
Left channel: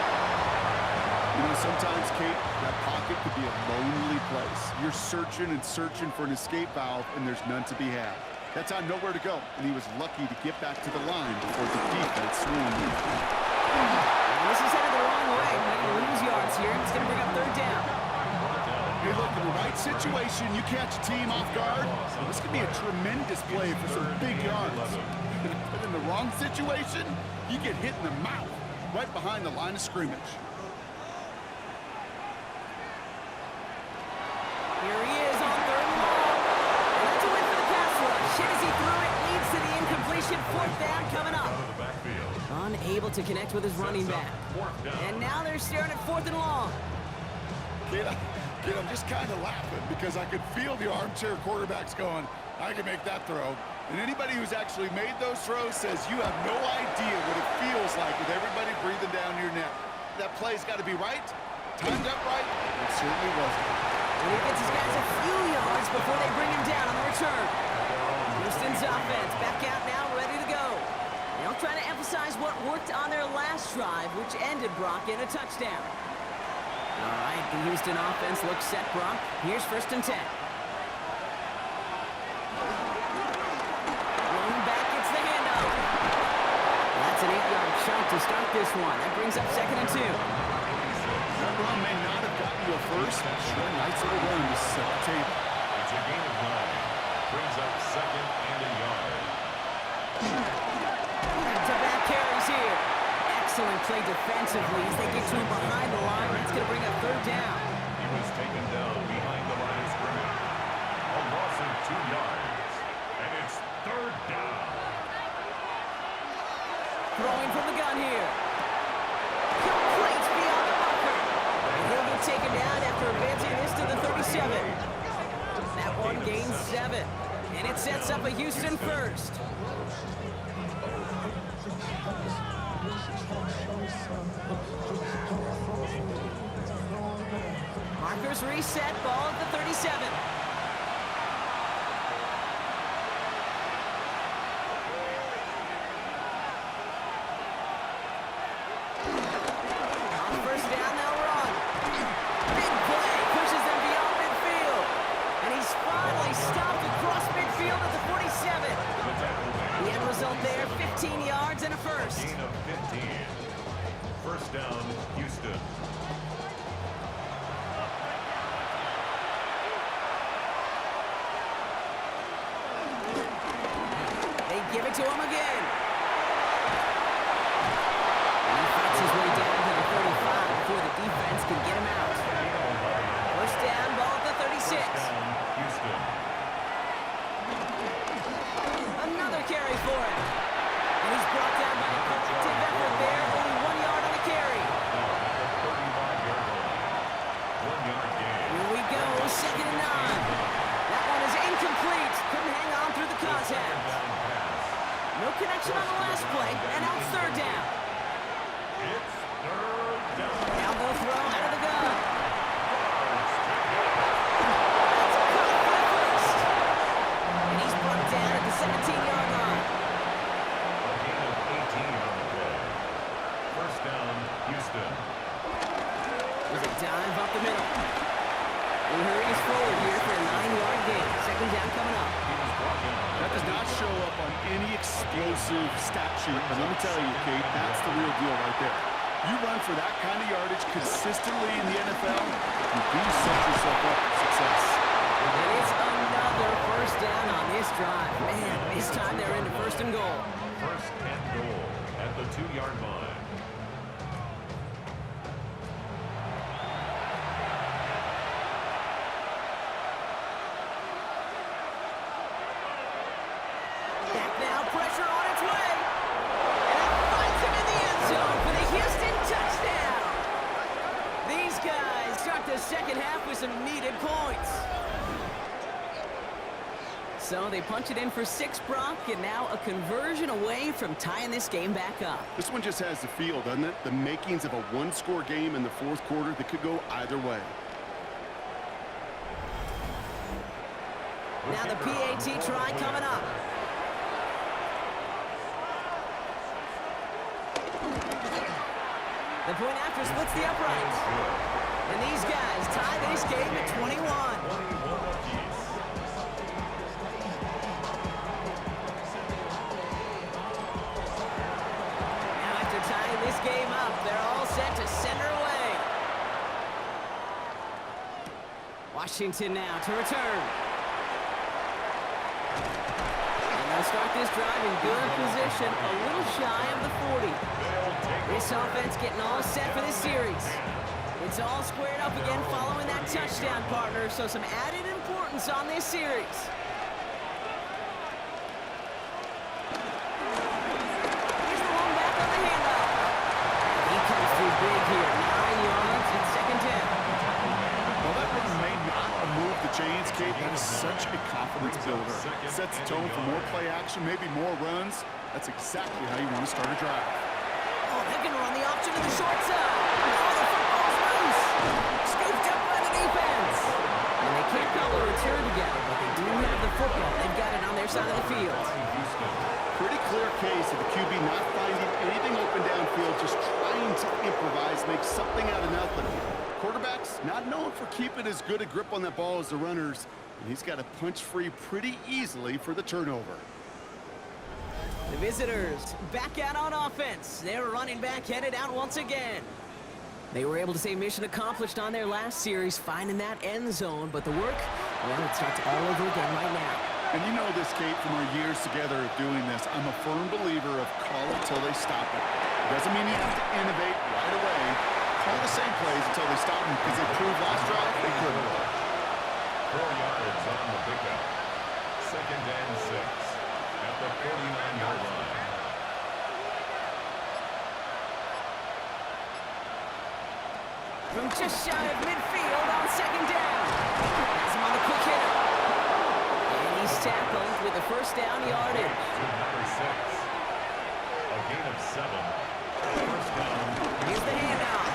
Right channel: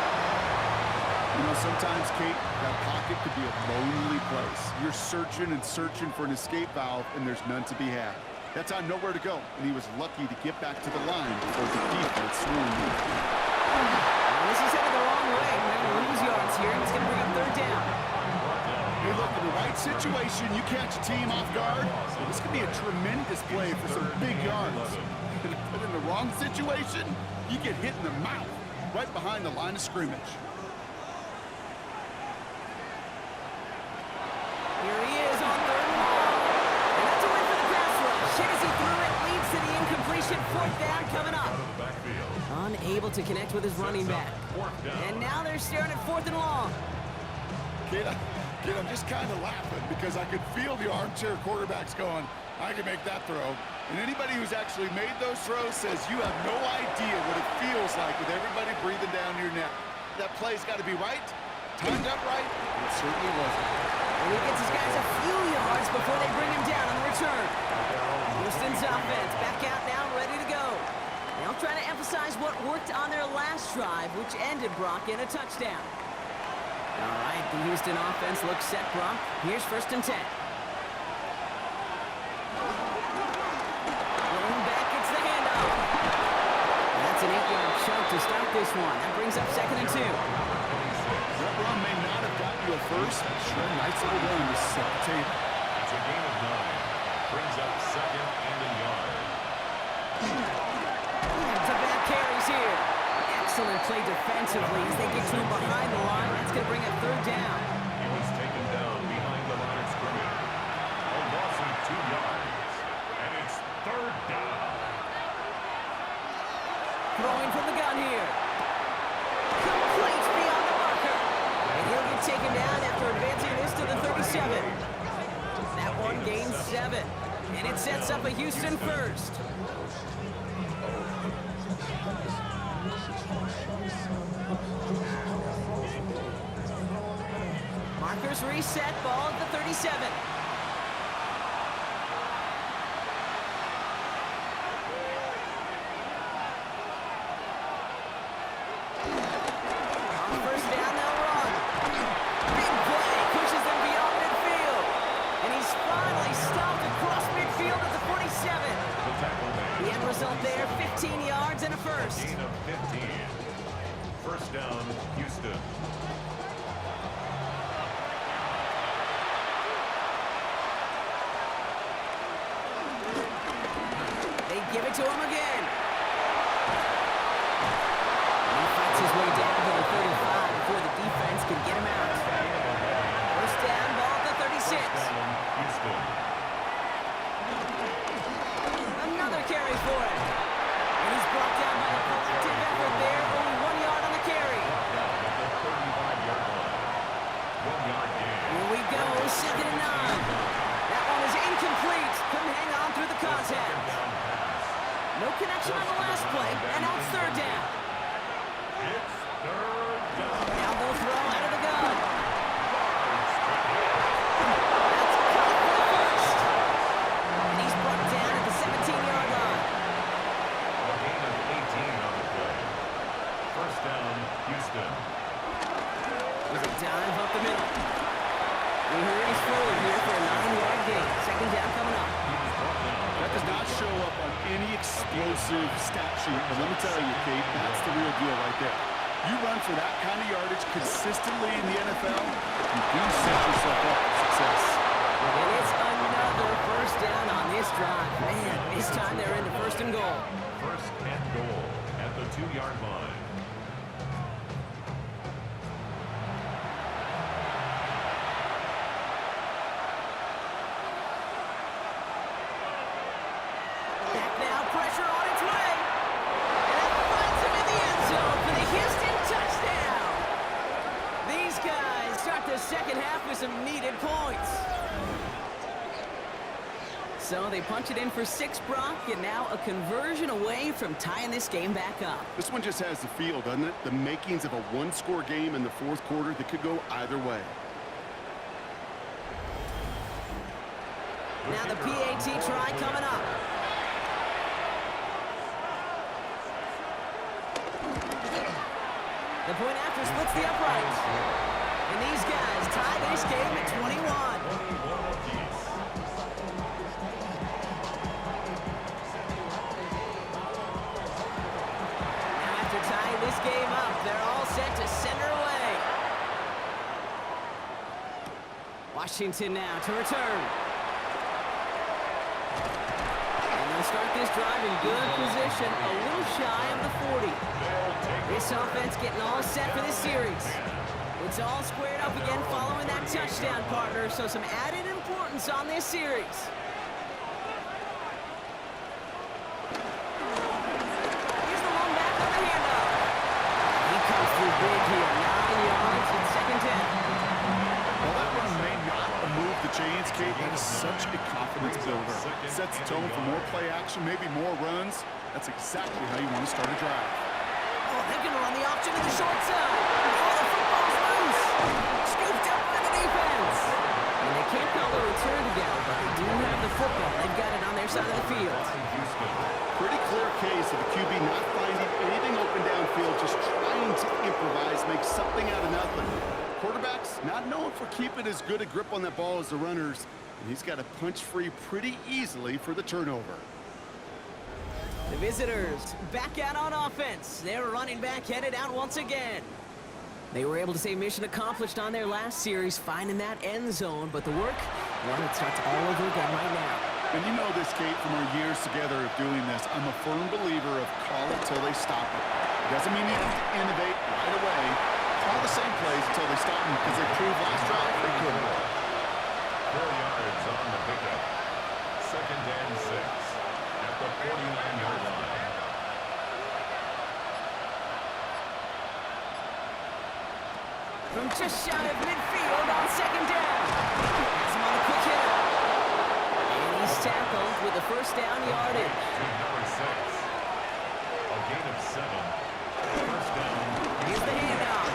You know, sometimes, Kate, that pocket could be a lonely place. You're searching and searching for an escape valve, and there's none to be had. That time, nowhere to go, and he was lucky to get back to the line before the defense swarmed him. And this is headed the wrong way. They're going to lose yards here, and it's going to bring up 3rd down. Hey, look, in the right situation, you catch a team off guard. This could be a tremendous play for some big yards. But in the wrong situation, you get hit in the mouth right behind the line of scrimmage. hit as he threw it, leads to the incompletion. Fourth down coming up. Out of the backfield. Unable to connect with his running back. And now they're staring at 4th and long. Kid, I'm just kind of laughing because I could feel the armchair quarterbacks going, I can make that throw. And anybody who's actually made those throws says you have no idea what it feels like with everybody breathing down your neck. That play's got to be right, timed up right. It certainly wasn't. And he gets his guys a few yards before they bring him down on the return. Houston's offense back out now, ready to go. They'll try to emphasize what worked on their last drive, which ended, Brock, in a touchdown. All right, the Houston offense looks set, Brock. Here's 1st and 10. Rolling back, it's the handoff. That's an 8-yard chunk to start this one. That brings up 2nd and 2. That run may not have gotten you a first, but sure, nice little run to set the table. It's a gain of 9. Brings up 2nd and a yard. Back-to-back carries here. Excellent play defensively as they get to him behind the line. That's going to bring up 3rd down. He was taken down behind the line of scrimmage. A loss of 2 yards. And it's 3rd down. Throwing from the gun here. Complete beyond the marker. And he'll get taken down after advancing this to the 37. That one gains 7. And it sets up a Houston first. Markers reset, ball at the 37. On 1st down, they'll run. Big play, pushes them beyond midfield. And he's finally stopped across midfield at the 47. The tackle made. The end result there, 15 yards and a first. Gain of 15. 1st down, Houston. They give it to him again. And he fights his way down to the 35 before the defense can get him out. 1st down, ball at the 36. 1st down, Houston. Another carry for him. And he's brought down by a collective effort there. Only 1 yard on the carry. Down at the 35-yard line. 1 yard gain. Here we go, 2nd and 9. That one is incomplete. Couldn't hang on through the contact. Down pass. No connection on the last play, and now it's 3rd down. It's 3rd down. Now they'll throw out of the gun. Yards to go. That's caught for the first. And he's brought down at the 17-yard line. A gain of 18 on the play. 1st down, Houston. There's a dive up the middle. He hurries forward here for a 9-yard gain. 2nd down coming up. He was brought down. That does not show up on any explosive stat sheet, but let me tell you, Kate, that's the real deal right there. You run for that kind of yardage consistently in the NFL, you do set yourself up for success. And it's another 1st down on this drive. Man, this time they're into 1st and goal. 1st and goal at the 2-yard line. Back now, pressure on its way. And it finds him in the end zone for the Houston touchdown. These guys start the 2nd half with some needed points. So they punch it in for 6, Brock, and now a conversion away from tying this game back up. This one just has the feel, doesn't it? The makings of a one-score game in the 4th quarter that could go either way. Now the PAT try coming up. The point after splits the uprights. And these guys tie this game at 21. 21 apiece. Now after tying this game up, they're all set to send her away. Washington now to return. And they'll start this drive in good position, a little shy of the 40. This offense getting all set for this series. It's all squared up again following that touchdown, partner, so some added importance on this series. Here's the long back on the handoff. He comes through big here. 9 yards and second down. Well, that run may not have moved the chains, Kate. That is such a confidence builder. Sets the tone for more play action, maybe more runs. That's exactly how you want to start a drive. Oh, they're going to run the option to the short side. Oh, the football's loose. Scooped up by the defense. And they can't call the return together, but they do have the football. They've got it on their side of the field. Pretty clear case of the QB not finding anything open downfield, just trying to improvise, make something out of nothing. Quarterbacks not known for keeping as good a grip on that ball as the runners, and he's got to punch free pretty easily for the turnover. The visitors back out on offense. Their running back headed out once again. They were able to say mission accomplished on their last series, finding that end zone, but the work, well, it starts all over again right now. And you know this, Kate, from our years together of doing this. I'm a firm believer of call it till they stop it. It doesn't mean you have to innovate right away. Call the same plays until they stop them, because they proved last drive they couldn't. 4 yards on the pickup. 2nd and 6 at the 49-yard line. From just shy of midfield on second down. Has him on the quick hitter. And he's tackled with the first down yardage. To number 6. A gain of 7. First down. Here's the handoff.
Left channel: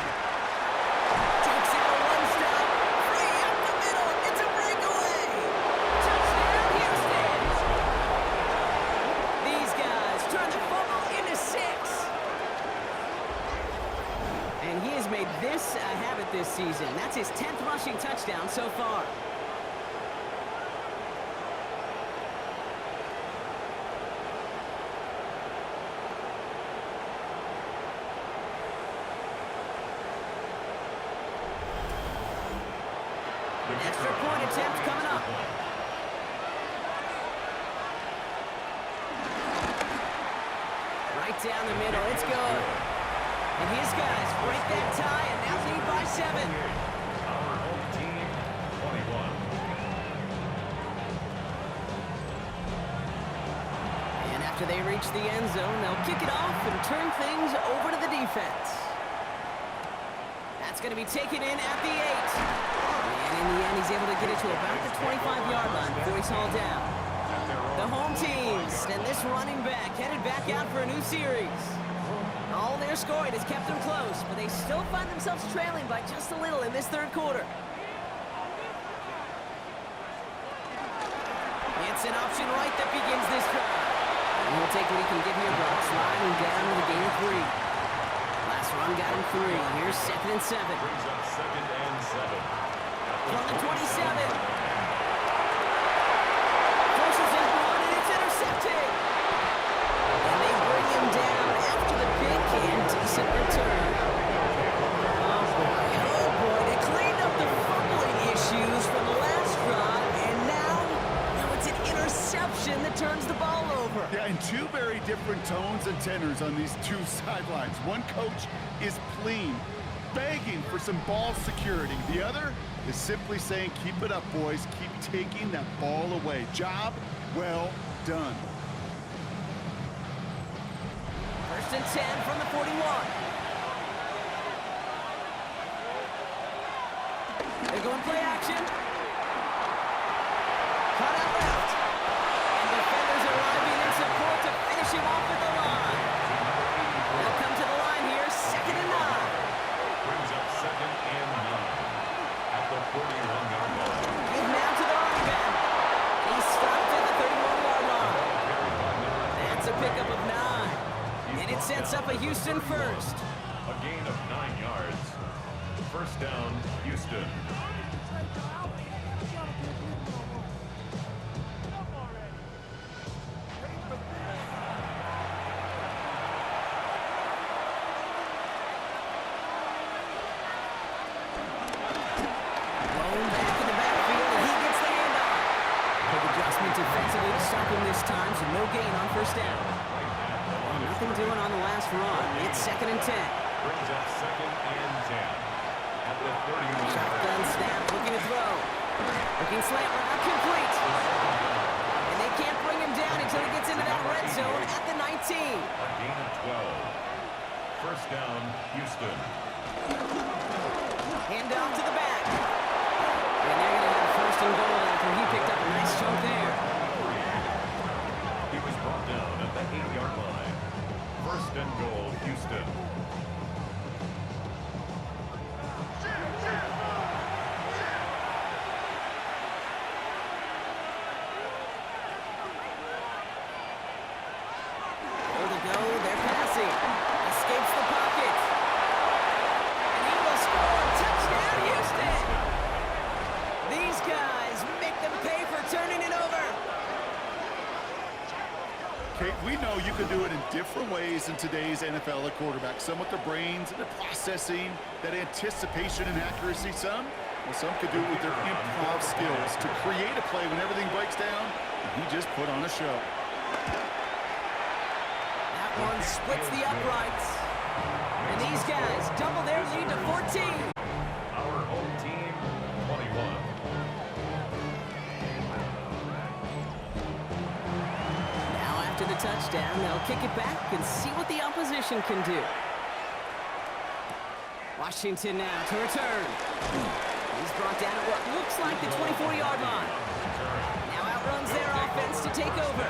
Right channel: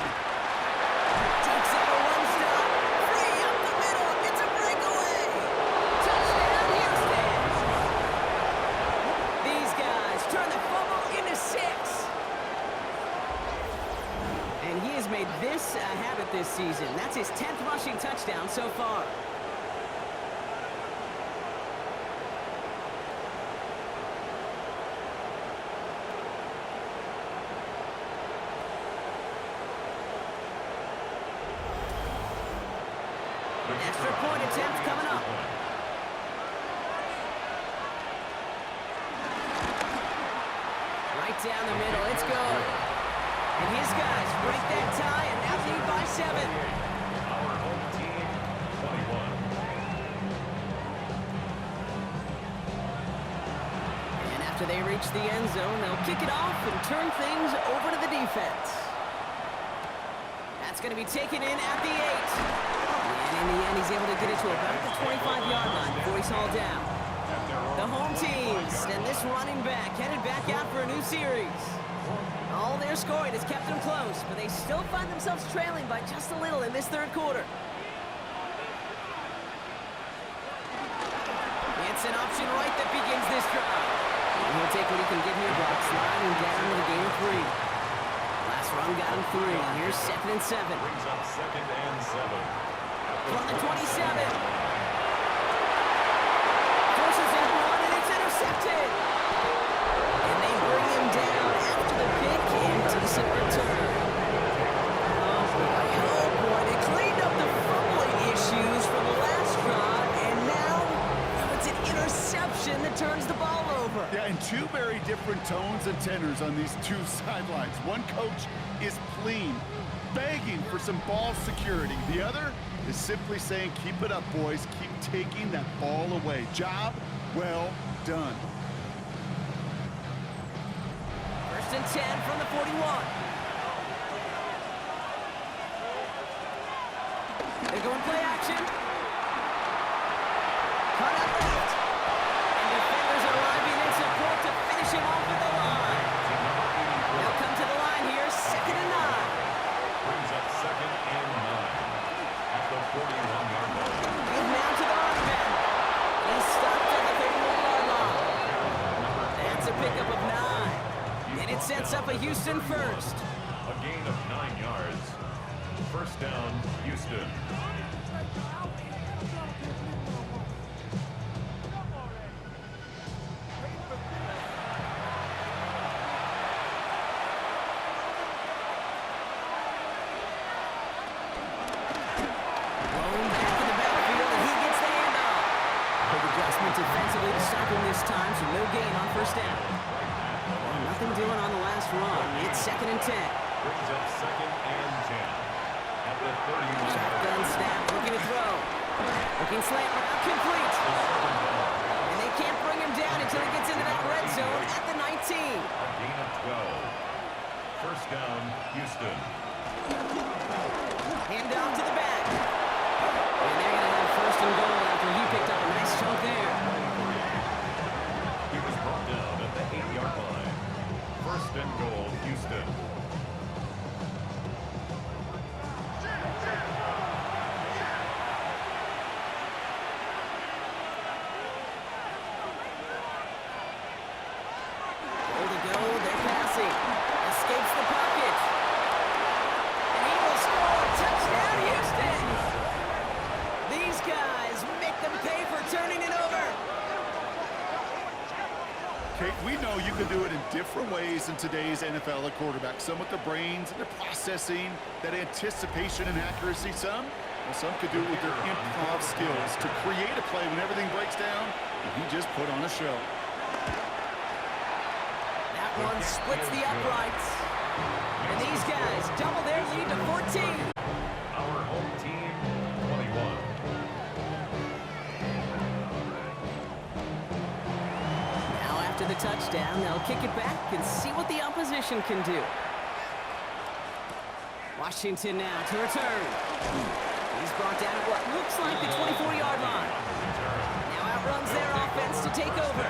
Takes out a one-stop. Free up the middle. It's a breakaway. Touchdown, Houston. These guys turn the fumble into 6. And he has made this a habit this season. That's his 10th rushing touchdown so far. Extra point attempt coming up. Right down the middle. It's good. And his guys break that tie and now lead by 7. Our home team, 21. And after they reach the end zone, they'll kick it off and turn things over to the defense. That's going to be taken in at the 8. And in the end, he's able to get it to about the 25-yard line before he's hauled down. The home teams and this running back headed back out for a new series. All their scoring has kept them close, but they still find themselves trailing by just a little in this third quarter. It's an option right that begins this drive. And he'll take what he can get here, Brock, sliding down with a gain of 3. Last run got him 3. Here's 2nd and 7. Brings up 2nd and 7. From the 27. Forces that one, and it's intercepted. And they bring him down after the pick and decent return. Oh, boy. They cleaned up the fumbling issues from the last drive, and now it's an interception that turns the ball over. Yeah, and two very different tones and tenors on these two sidelines. One coach is pleading, begging for some ball security. The other is simply saying, keep it up, boys. Keep taking that ball away. Job well done. 1st and 10 from the 41. They're going play action. Cut out left. And defenders arriving in support to finish him off at the line. They'll come to the line here, 2nd and 9. Brings up 2nd and 9 at the 41-yard line. Give now to the running back. He's stopped at the 31-yard line. That's a pickup of 9. And it sets up a Houston first. A gain of 9 yards. First down, Houston. Blown back in the backfield, and he gets the handoff. Quick adjustment defensively to stop him this time, so no gain on first down. Nothing doing on the last run. It's 2nd and 10. Brings up 2nd and 10 at the 31. Shotgun snap, looking to throw. Looking slant route, complete. And they can't bring him down until he gets into that red zone at the 19. A gain of 12. First down, Houston. Hand off to the back. And they're going to have first and goal after he picked up a nice chunk there. He was brought down at the 8-yard line. First and goal, Houston. Goal to go, they're passing. Escapes the pocket. And he will score. Touchdown, Houston! These guys make them pay for turning it over. Kate, we know you can do it in different ways in today's NFL at quarterback. Some with their brains and their processing, that anticipation and accuracy. Some could do it with their improv skills to create a play when everything breaks down, and he just put on a show. That one splits the uprights. And these guys double their lead to 14. Our home team, 21. Now after the touchdown, they'll kick it back and see what the opposition can do. Washington now to return. He's brought down at what looks like the 24-yard line. Now outruns their offense to take over.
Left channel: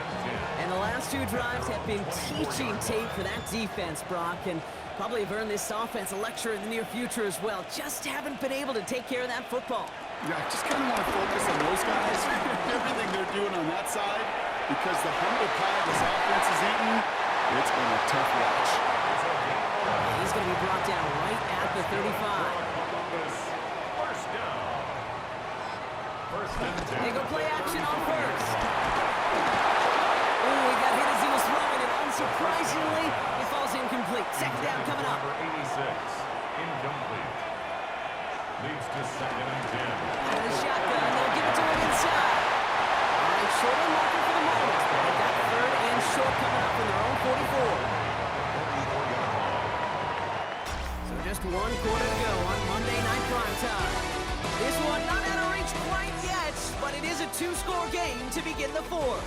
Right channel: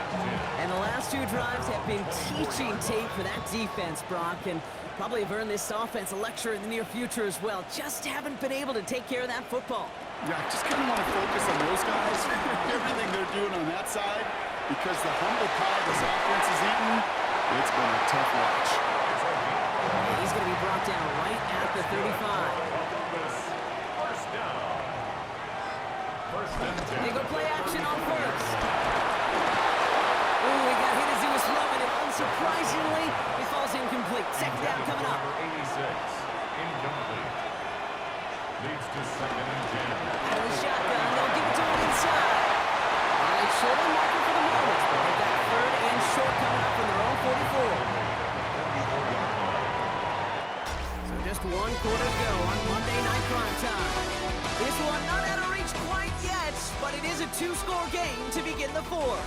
And the last two drives have been teaching tape for that defense, Brock, and probably have earned this offense a lecture in the near future as well. Just haven't been able to take care of that football. Yeah, I just kind of want to focus on those guys, everything they're doing on that side, because the humble pie this offense is eating, it's been a tough watch. And he's going to be brought down right at the 35. First down. First and 10. They go play action on first. Ooh, he got hit as he was throwing it. Unsurprisingly, it falls incomplete. Second down coming up. Number 86, incomplete. Leads to second and 10. Out of the shotgun, they'll give it to him inside. All right, short on marker for the moment, but they've got third and short coming up from their own 44. So just one quarter to go on Monday Night Primetime. This one not out of reach quite yet, but it is a two-score game to begin the fourth.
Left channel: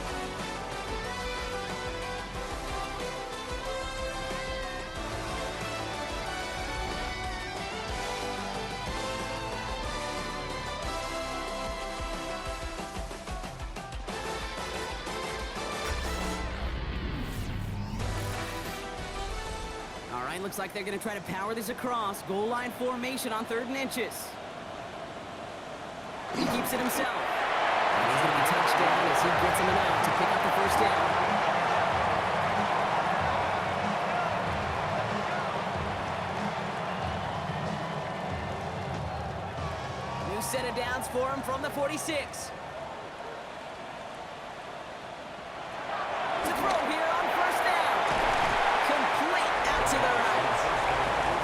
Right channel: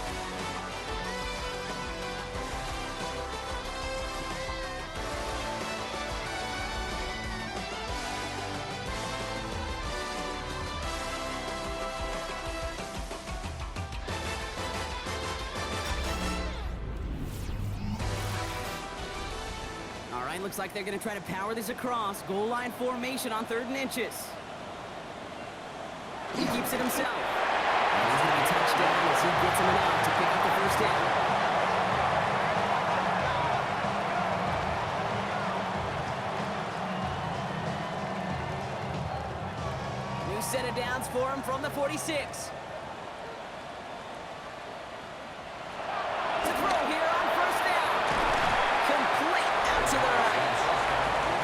All right, looks like they're going to try to power this across. Goal line formation on 3rd and inches. He keeps it himself. And he's going to be touched down as he gets him enough to pick up the first down. New set of downs for him from the 46. To throw here on first down. Complete out to the right.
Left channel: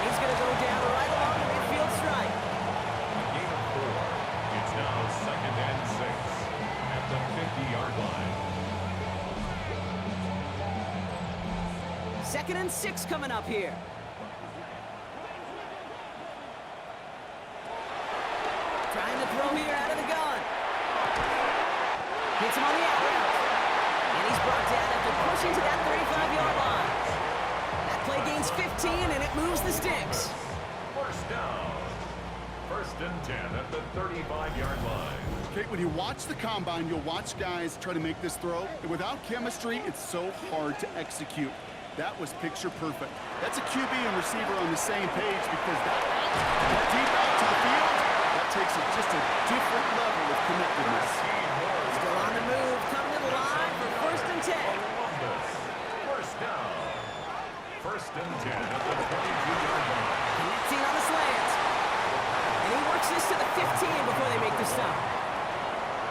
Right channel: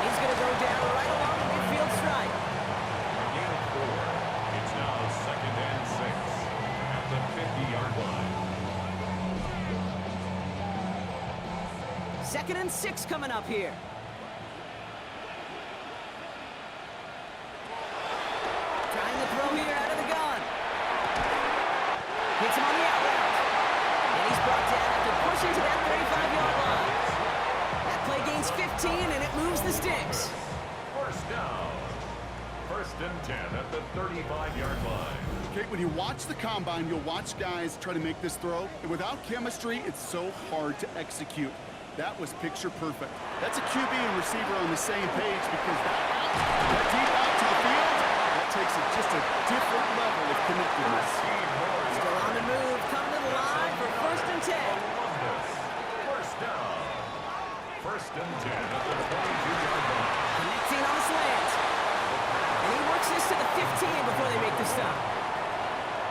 He's going to go down right along the midfield stripe. A gain of 4. It's now second and 6 at the 50-yard line. Second and 6 coming up here. Trying to throw here out of the gun. Hits him on the out route. And he's brought down after pushing to that 35-yard line. That play gains 15, and it moves the sticks. First down. First and 10 at the 35-yard line. Kate, when you watch the combine, you'll watch guys try to make this throw. And without chemistry, it's so hard to execute. That was picture perfect. That's a QB and receiver on the same page, because that route, that deep out to the field, that takes it just a different level of connectedness. Still on the move, coming to the line for first and 10. First down. First and 10 at the 22-yard line. Connecting on a slant. And he works this to the 15 before they make the stop.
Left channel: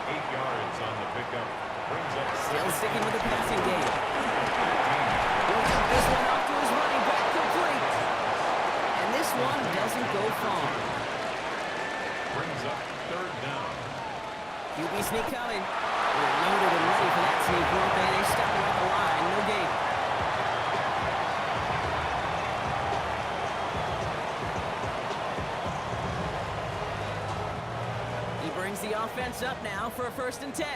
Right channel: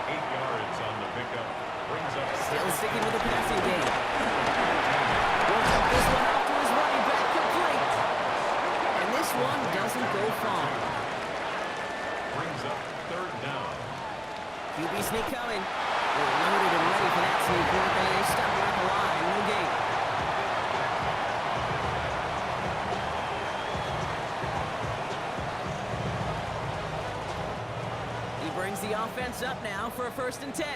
8 yards on the pickup. Brings up Still sticking with the passing game. Will cut this one off to his running back complete. And this one doesn't go far. Brings up third down. QB sneak coming. They were loaded and ready for that sneak, weren't they? They stopped him at the line. No gain. He brings the offense up now for a first and 10.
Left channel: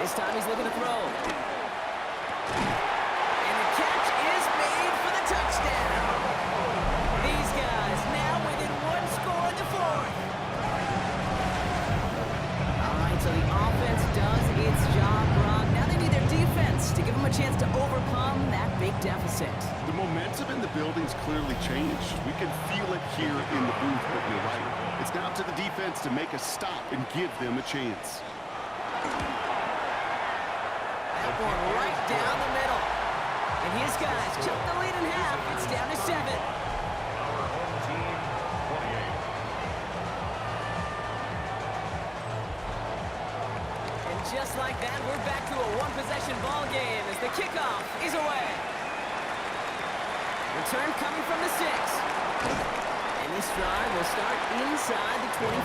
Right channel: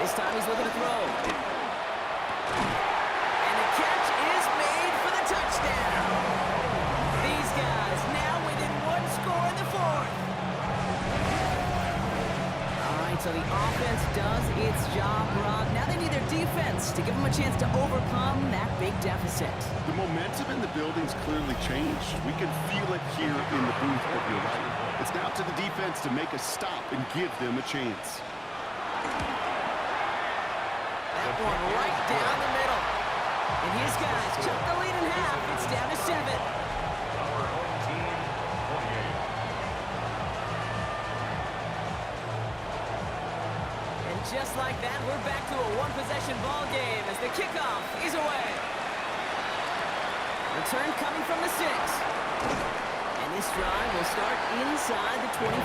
This time he's looking to throw. And the catch is made for the touchdown. These guys now within one score in the fourth. All right, so the offense does its job, Rob. Now they need their defense to give them a chance to overcome that big deficit. The momentum in the building's clearly changed. We can feel it here in the booth, but you're right. It's now to the defense to make a stop and give them a chance. That one right down the middle. And his guys chop the lead in half. It's down to 7. Our home team, 28. And just like that, we're back to a one-possession ball game as the kickoff is away. Return coming from the 6. And this drive will start inside the 25.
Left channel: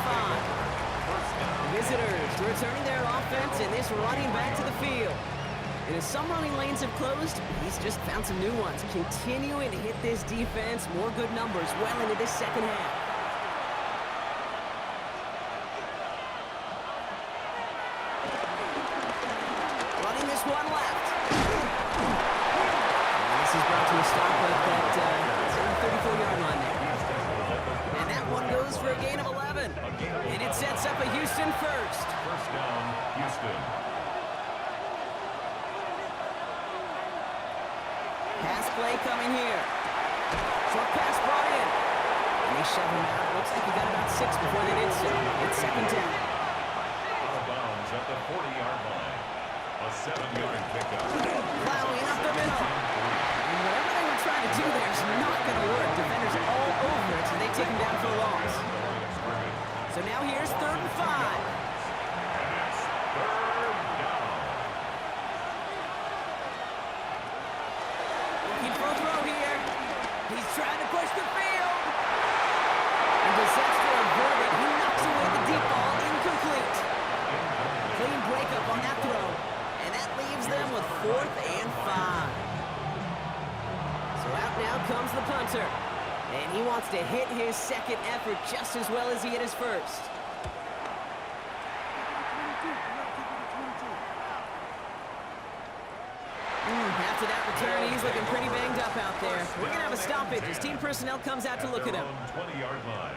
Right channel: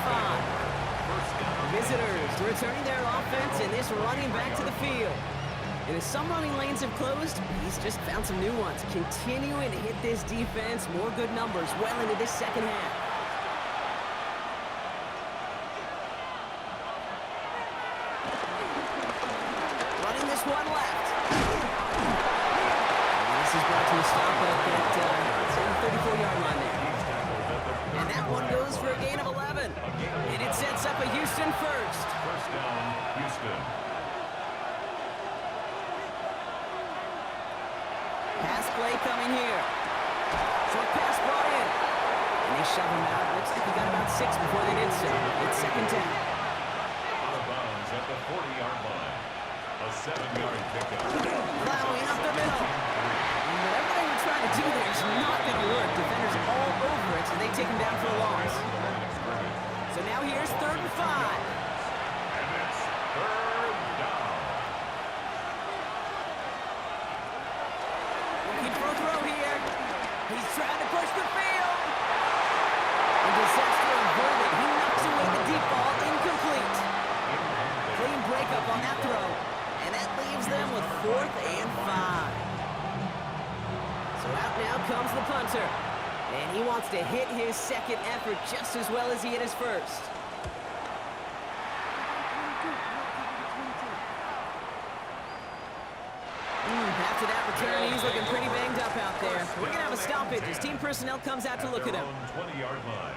Visitors returning their offense and this running back to the field. And as some running lanes have closed, he's just found some new ones, continuing to hit this defense more good numbers well into this second half. Running this one left. And this is brought to a stop at that 34-yard line there. And that one goes for a gain of 11. And it sets up a Houston first. First down, Houston. Pass play coming here. Short pass brought in. And they shove him out. Looks like he got about 6 before they did so. It's second down. Out of bounds at the 40-yard line. A 7-yard pickup. Plowing up the middle. And whatever they were trying to do there is not going to work. Defenders all over it, so they take him down for a loss. So now here's 3rd and 5. And it's 3rd down. Looking for a throw here. He's trying to push the field. And disaster averted. He knocks away the deep ball. Incomplete. Clean breakup on that throw. And that leaves them with 4th and 5. So out now comes the punter. And he wants to hit his second effort just as well as he hit his first. After that return, he's looking pretty banged up out there. We're going to have a stoppage as team personnel comes out to look at him. 20-yard line.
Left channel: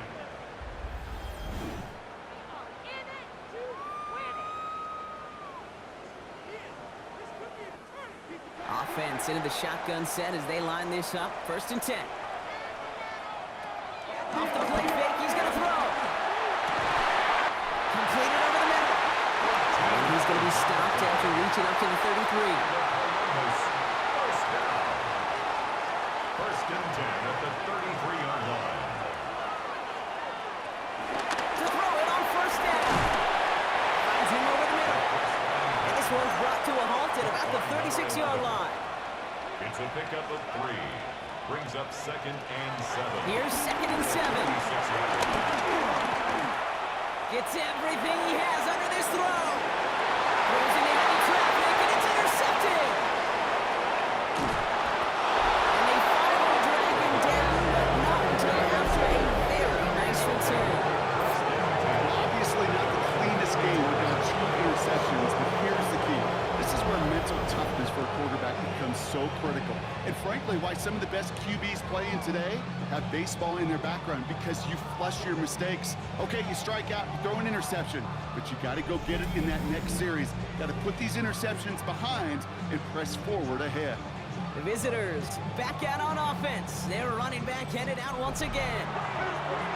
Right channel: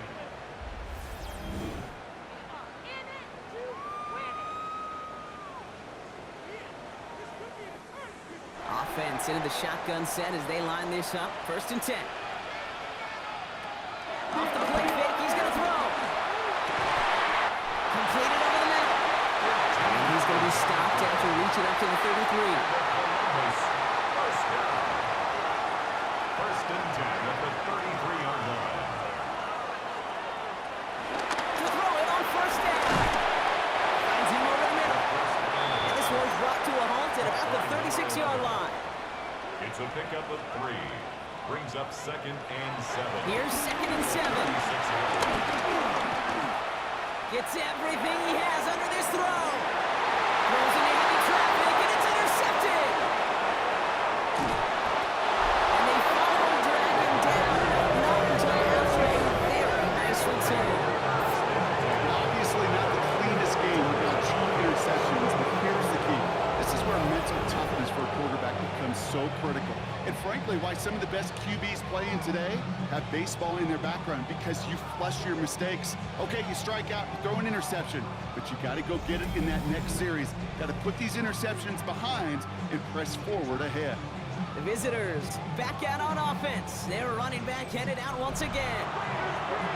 Offense into the shotgun set as they line this up. 1st and 10. Off the play fake, he's going to throw. Completed over the middle. And he's going to be stopped after reaching up to the 33. First down. 1st and 10 at the 33-yard line. To throw it on 1st down. Finds him over the middle. And this one's brought to a halt at about the 36-yard line. It's a pickup of 3. Brings up 2nd and 7. Here's 2nd and 7. 36-yard line. Gets everything he has under this throw. Throws into heavy traffic, and it's intercepted. And they finally drag him down, but not until after a very nice return. Obviously not the cleanest game without 2 interceptions, but here's the key. This is where mental toughness for a quarterback becomes so critical. And frankly, why some of the best QBs playing today have baseball in their background, because you flush your mistakes. Okay, you strike out, you throw an interception, but you got to go get it in that next series. Got to put these interceptions behind and press forward ahead. The visitors back out on offense. Their running back headed out once again.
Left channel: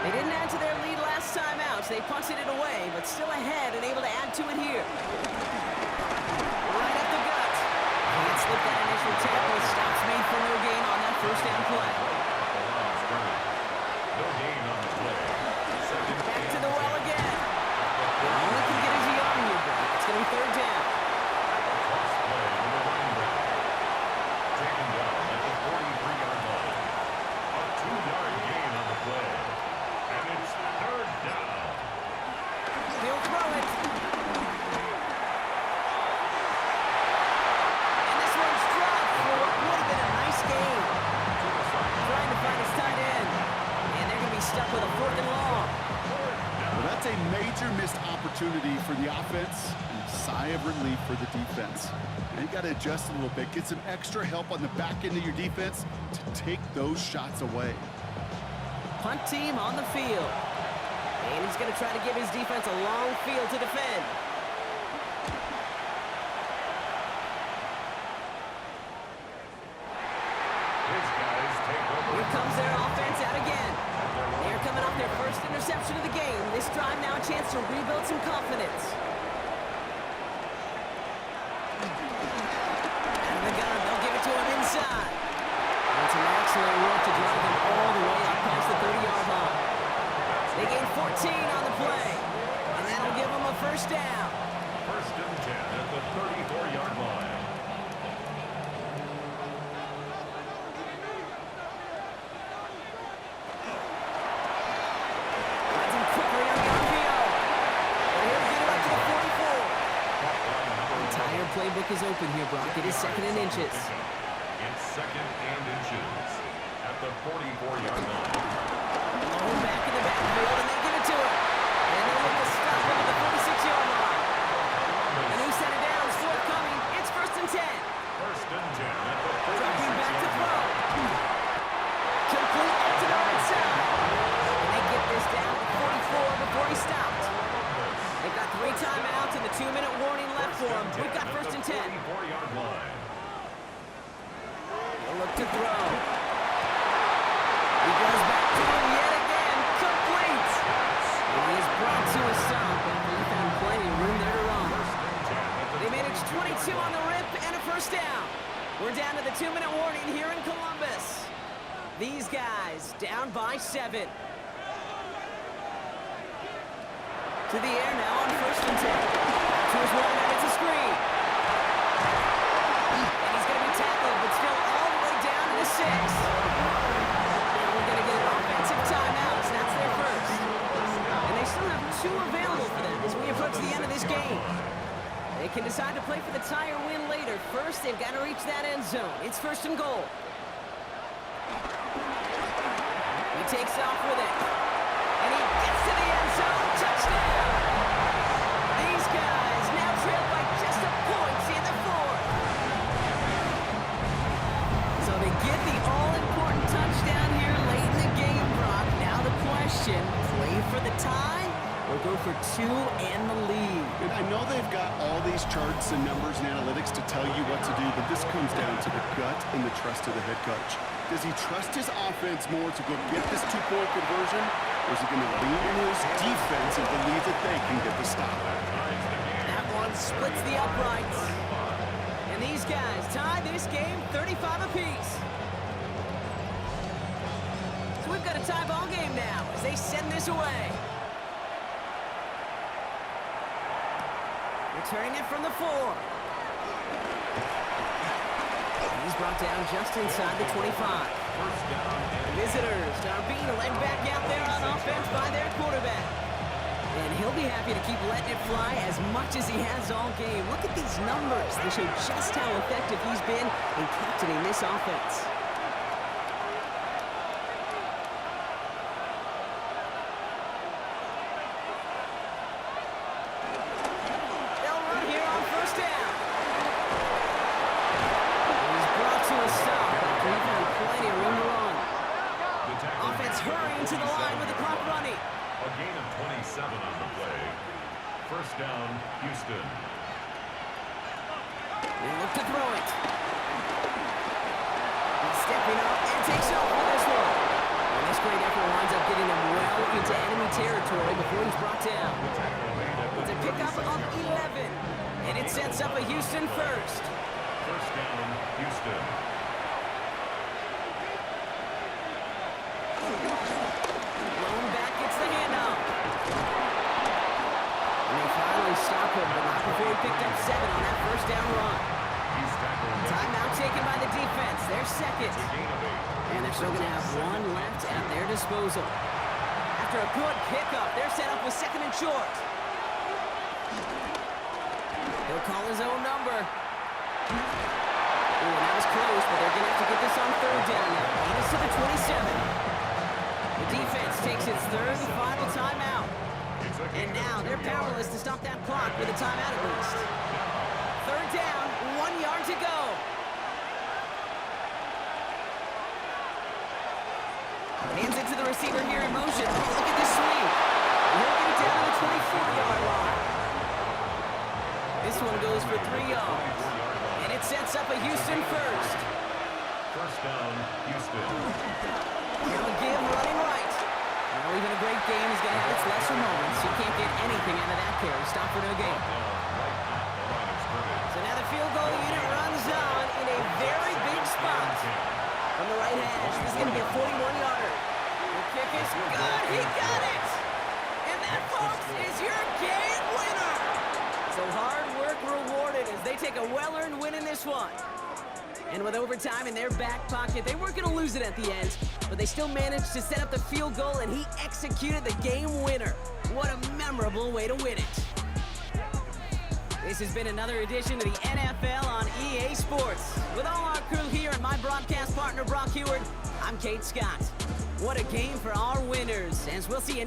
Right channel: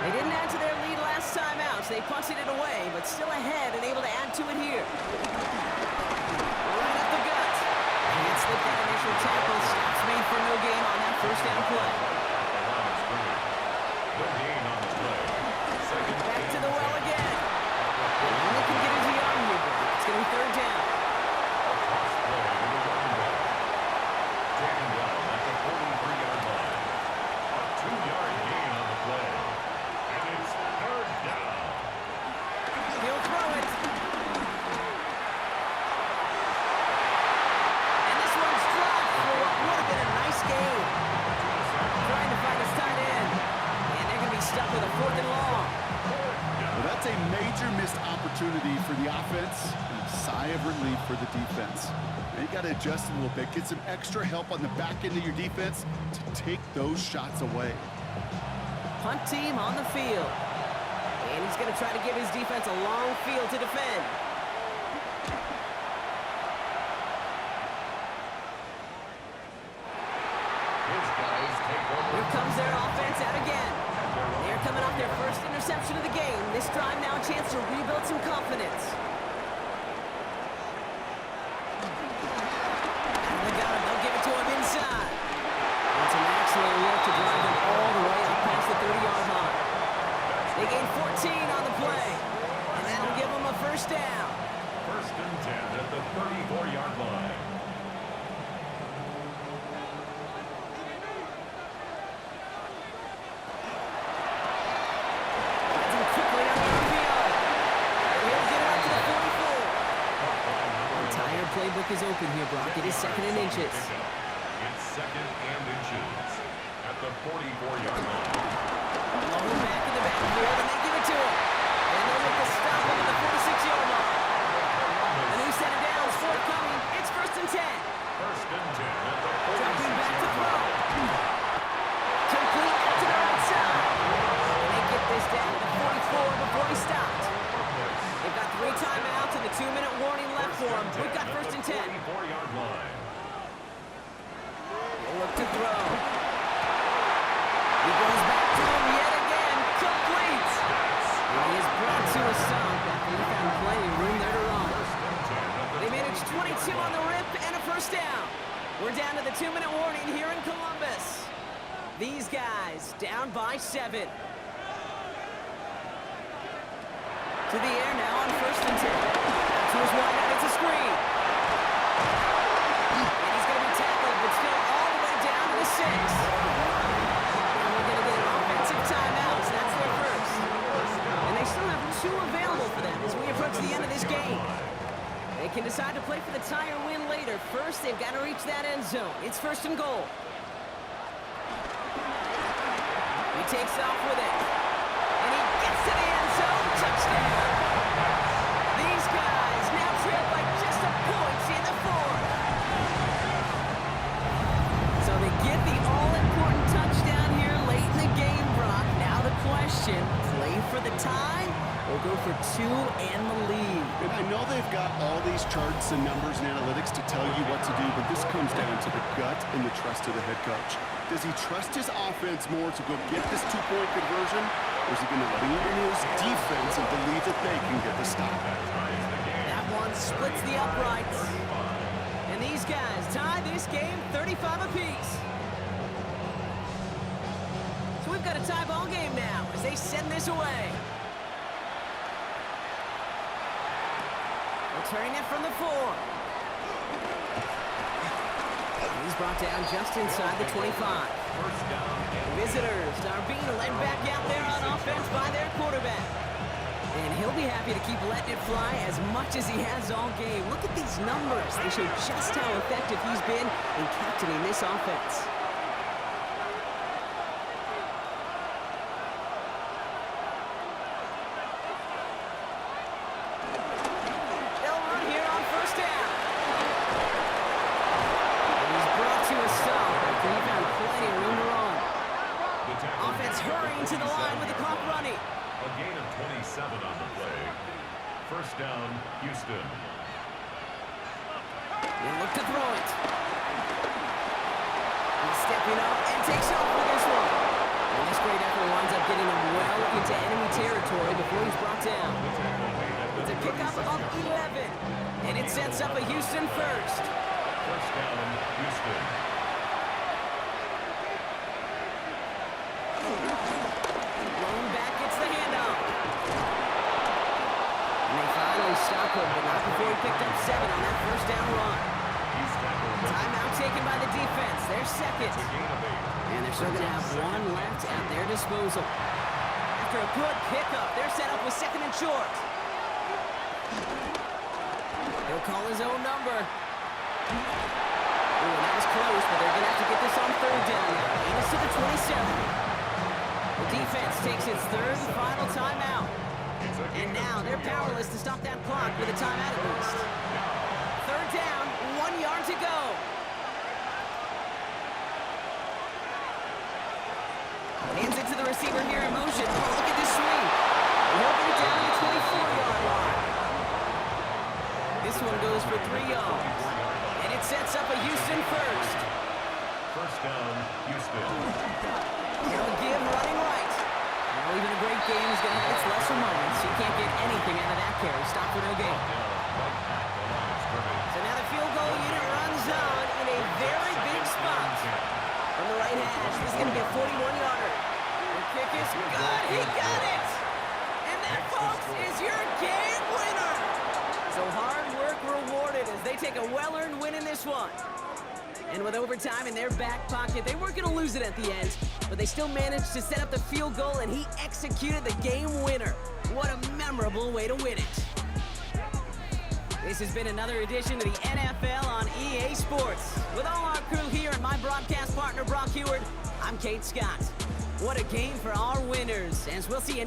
They didn't add to their lead last time out, so they punted it away, but still ahead and able to add to it here. Right up the gut. Can't slip that initial tackle. Stops made for no gain on that 1st down play. No gain on the play. Back to the well again. Only can get his arm here, bro. It's going to be 3rd down. A toss play to the running back. Taken down at the 43-yard line. A 2-yard gain on the play. And it's 3rd down. He'll throw it. And this one's dropped for what would have been a nice game. Trying to find his tight end. And they're going to be stuck with a 4th and long. Just a major missed opportunity for the offense and a sigh of relief for the defense. Now you got to adjust a little bit, get some extra help on the back end of your defense to take those shots away. Punt team on the field. And he's going to try to give his defense a long field to defend. His guys take over. Here comes their offense out again. They're coming off their first interception of the game. This drive now a chance to rebuild some confidence. Out of the gun, they'll give it to him inside. That's an excellent work to drive him all the way up past the 30-yard line. They gain 14 on the play, and that'll give them a first down. First and 10 at the 34-yard line. Finds him quickly on the RPO. But he'll get it up to the 44. The entire playbook is open here, Brock. It is second and inches. It's second and inches at the 44-yard line. Low back in the backfield, and they give it to him. And they'll make the stop him at the 46-yard line. A new set of downs forthcoming. It's first and 10. First and 10 at the 46-yard line. Dropping back to throw. Complete out to the right side. And they get this down to the 44 before he stopped. They've got 3 timeouts and the 2-minute warning left for him. We've got first and 10. 44-yard line. He'll look to throw. He goes back to him yet again. Complete. And he is brought to a stop after he found plenty of room there to run. They managed 22 on the rip and a first down. We're down to the 2-minute warning here in Columbus. These guys down by 7. To the air now on first and 10. To his wide out, it's a screen. And he's going to be tackled, but still all the way down to the 6. Now we're going to get an offensive timeout. That's their first. And they still have 2 available for them as we approach the end of this game. They can decide to play for the tie or win later. First, they've got to reach that end zone. It's first and goal. He takes off with it. And he gets to the end zone. Touchdown! These guys now trail by just a point in the 4th. So they get the all-important touchdown here late in the game, Brock. Now the question, play for the tie or go for 2 and the lead? And I know they've got all these charts and numbers and analytics to tell you what to do, but this comes down to the gut and the trust of the head coach. Does he trust his offense more to go get this 2-point conversion, or is he going to lean in his defense and believe that they can get the stop? That one splits the uprights. And these guys tie this game 35 apiece. So we've got a tie ball game now as they send this away. Returning it from the 4. And he's brought down just inside the 25. First down and Visitors are being led back out there on offense by their quarterback. And he'll be happy to keep letting it fly as much as he has all game. Look at these numbers. They show just how effective he's been in captaining this offense. They'll run here on first down. And he's brought to a stop after he found plenty of room to run. Offense hurrying to the line with the clock running. a gain of 27 on the play. First down, Houston. They look to throw it. He's stepping up and takes off with this one. And this great effort winds up getting him well into enemy territory before he's brought down. It's a pickup of 11. And it sets up a Houston first. First down, Houston. Blown back gets the handoff. And they finally stop him, but not before he picked up 7 on that first down run. He's tackled. Timeout taken by the defense. They're second. It's a gain of 8. And they're still going to have 1 left at their disposal. After a good pickup, they're set up with 2nd and short. He'll call his own number. Ooh, that was close, but they're going to have to get this on 3rd down now. Lead us to the 27. The defense takes its 3rd and final timeout. And now they're powerless to stop that clock with a timeout at least. Third down, 1 yard to go. Hands it to the receiver here in motion. Oh, look at this sweep. And he'll get it down to the 24-yard line. This one goes for 3 yards. And it sets up a Houston first. First down, Houston. Now a give running right. Now even a great game is going to have its lesser moments. You can't get anything out of that carry. Stop for no gain. Right at the line of scrimmage. So now the field goal unit runs on in a very big spot. From the right hash, this is going to be a 41-yarder. The kick is good. He got it. And that, folks, is your game winner. So hard work rewarded as they take a well-earned win in this one. And with overtime in their back pocket, they weren't going to lose it at the end, but they still managed to set up the field goal, and he executed the game winner. What a memorable way to win it. This has been another edition of the NFL on EA Sports. With all our crew here and my broadcast partner, Brock Heward, I'm Kate Scott. What a game for our winners, as we'll see you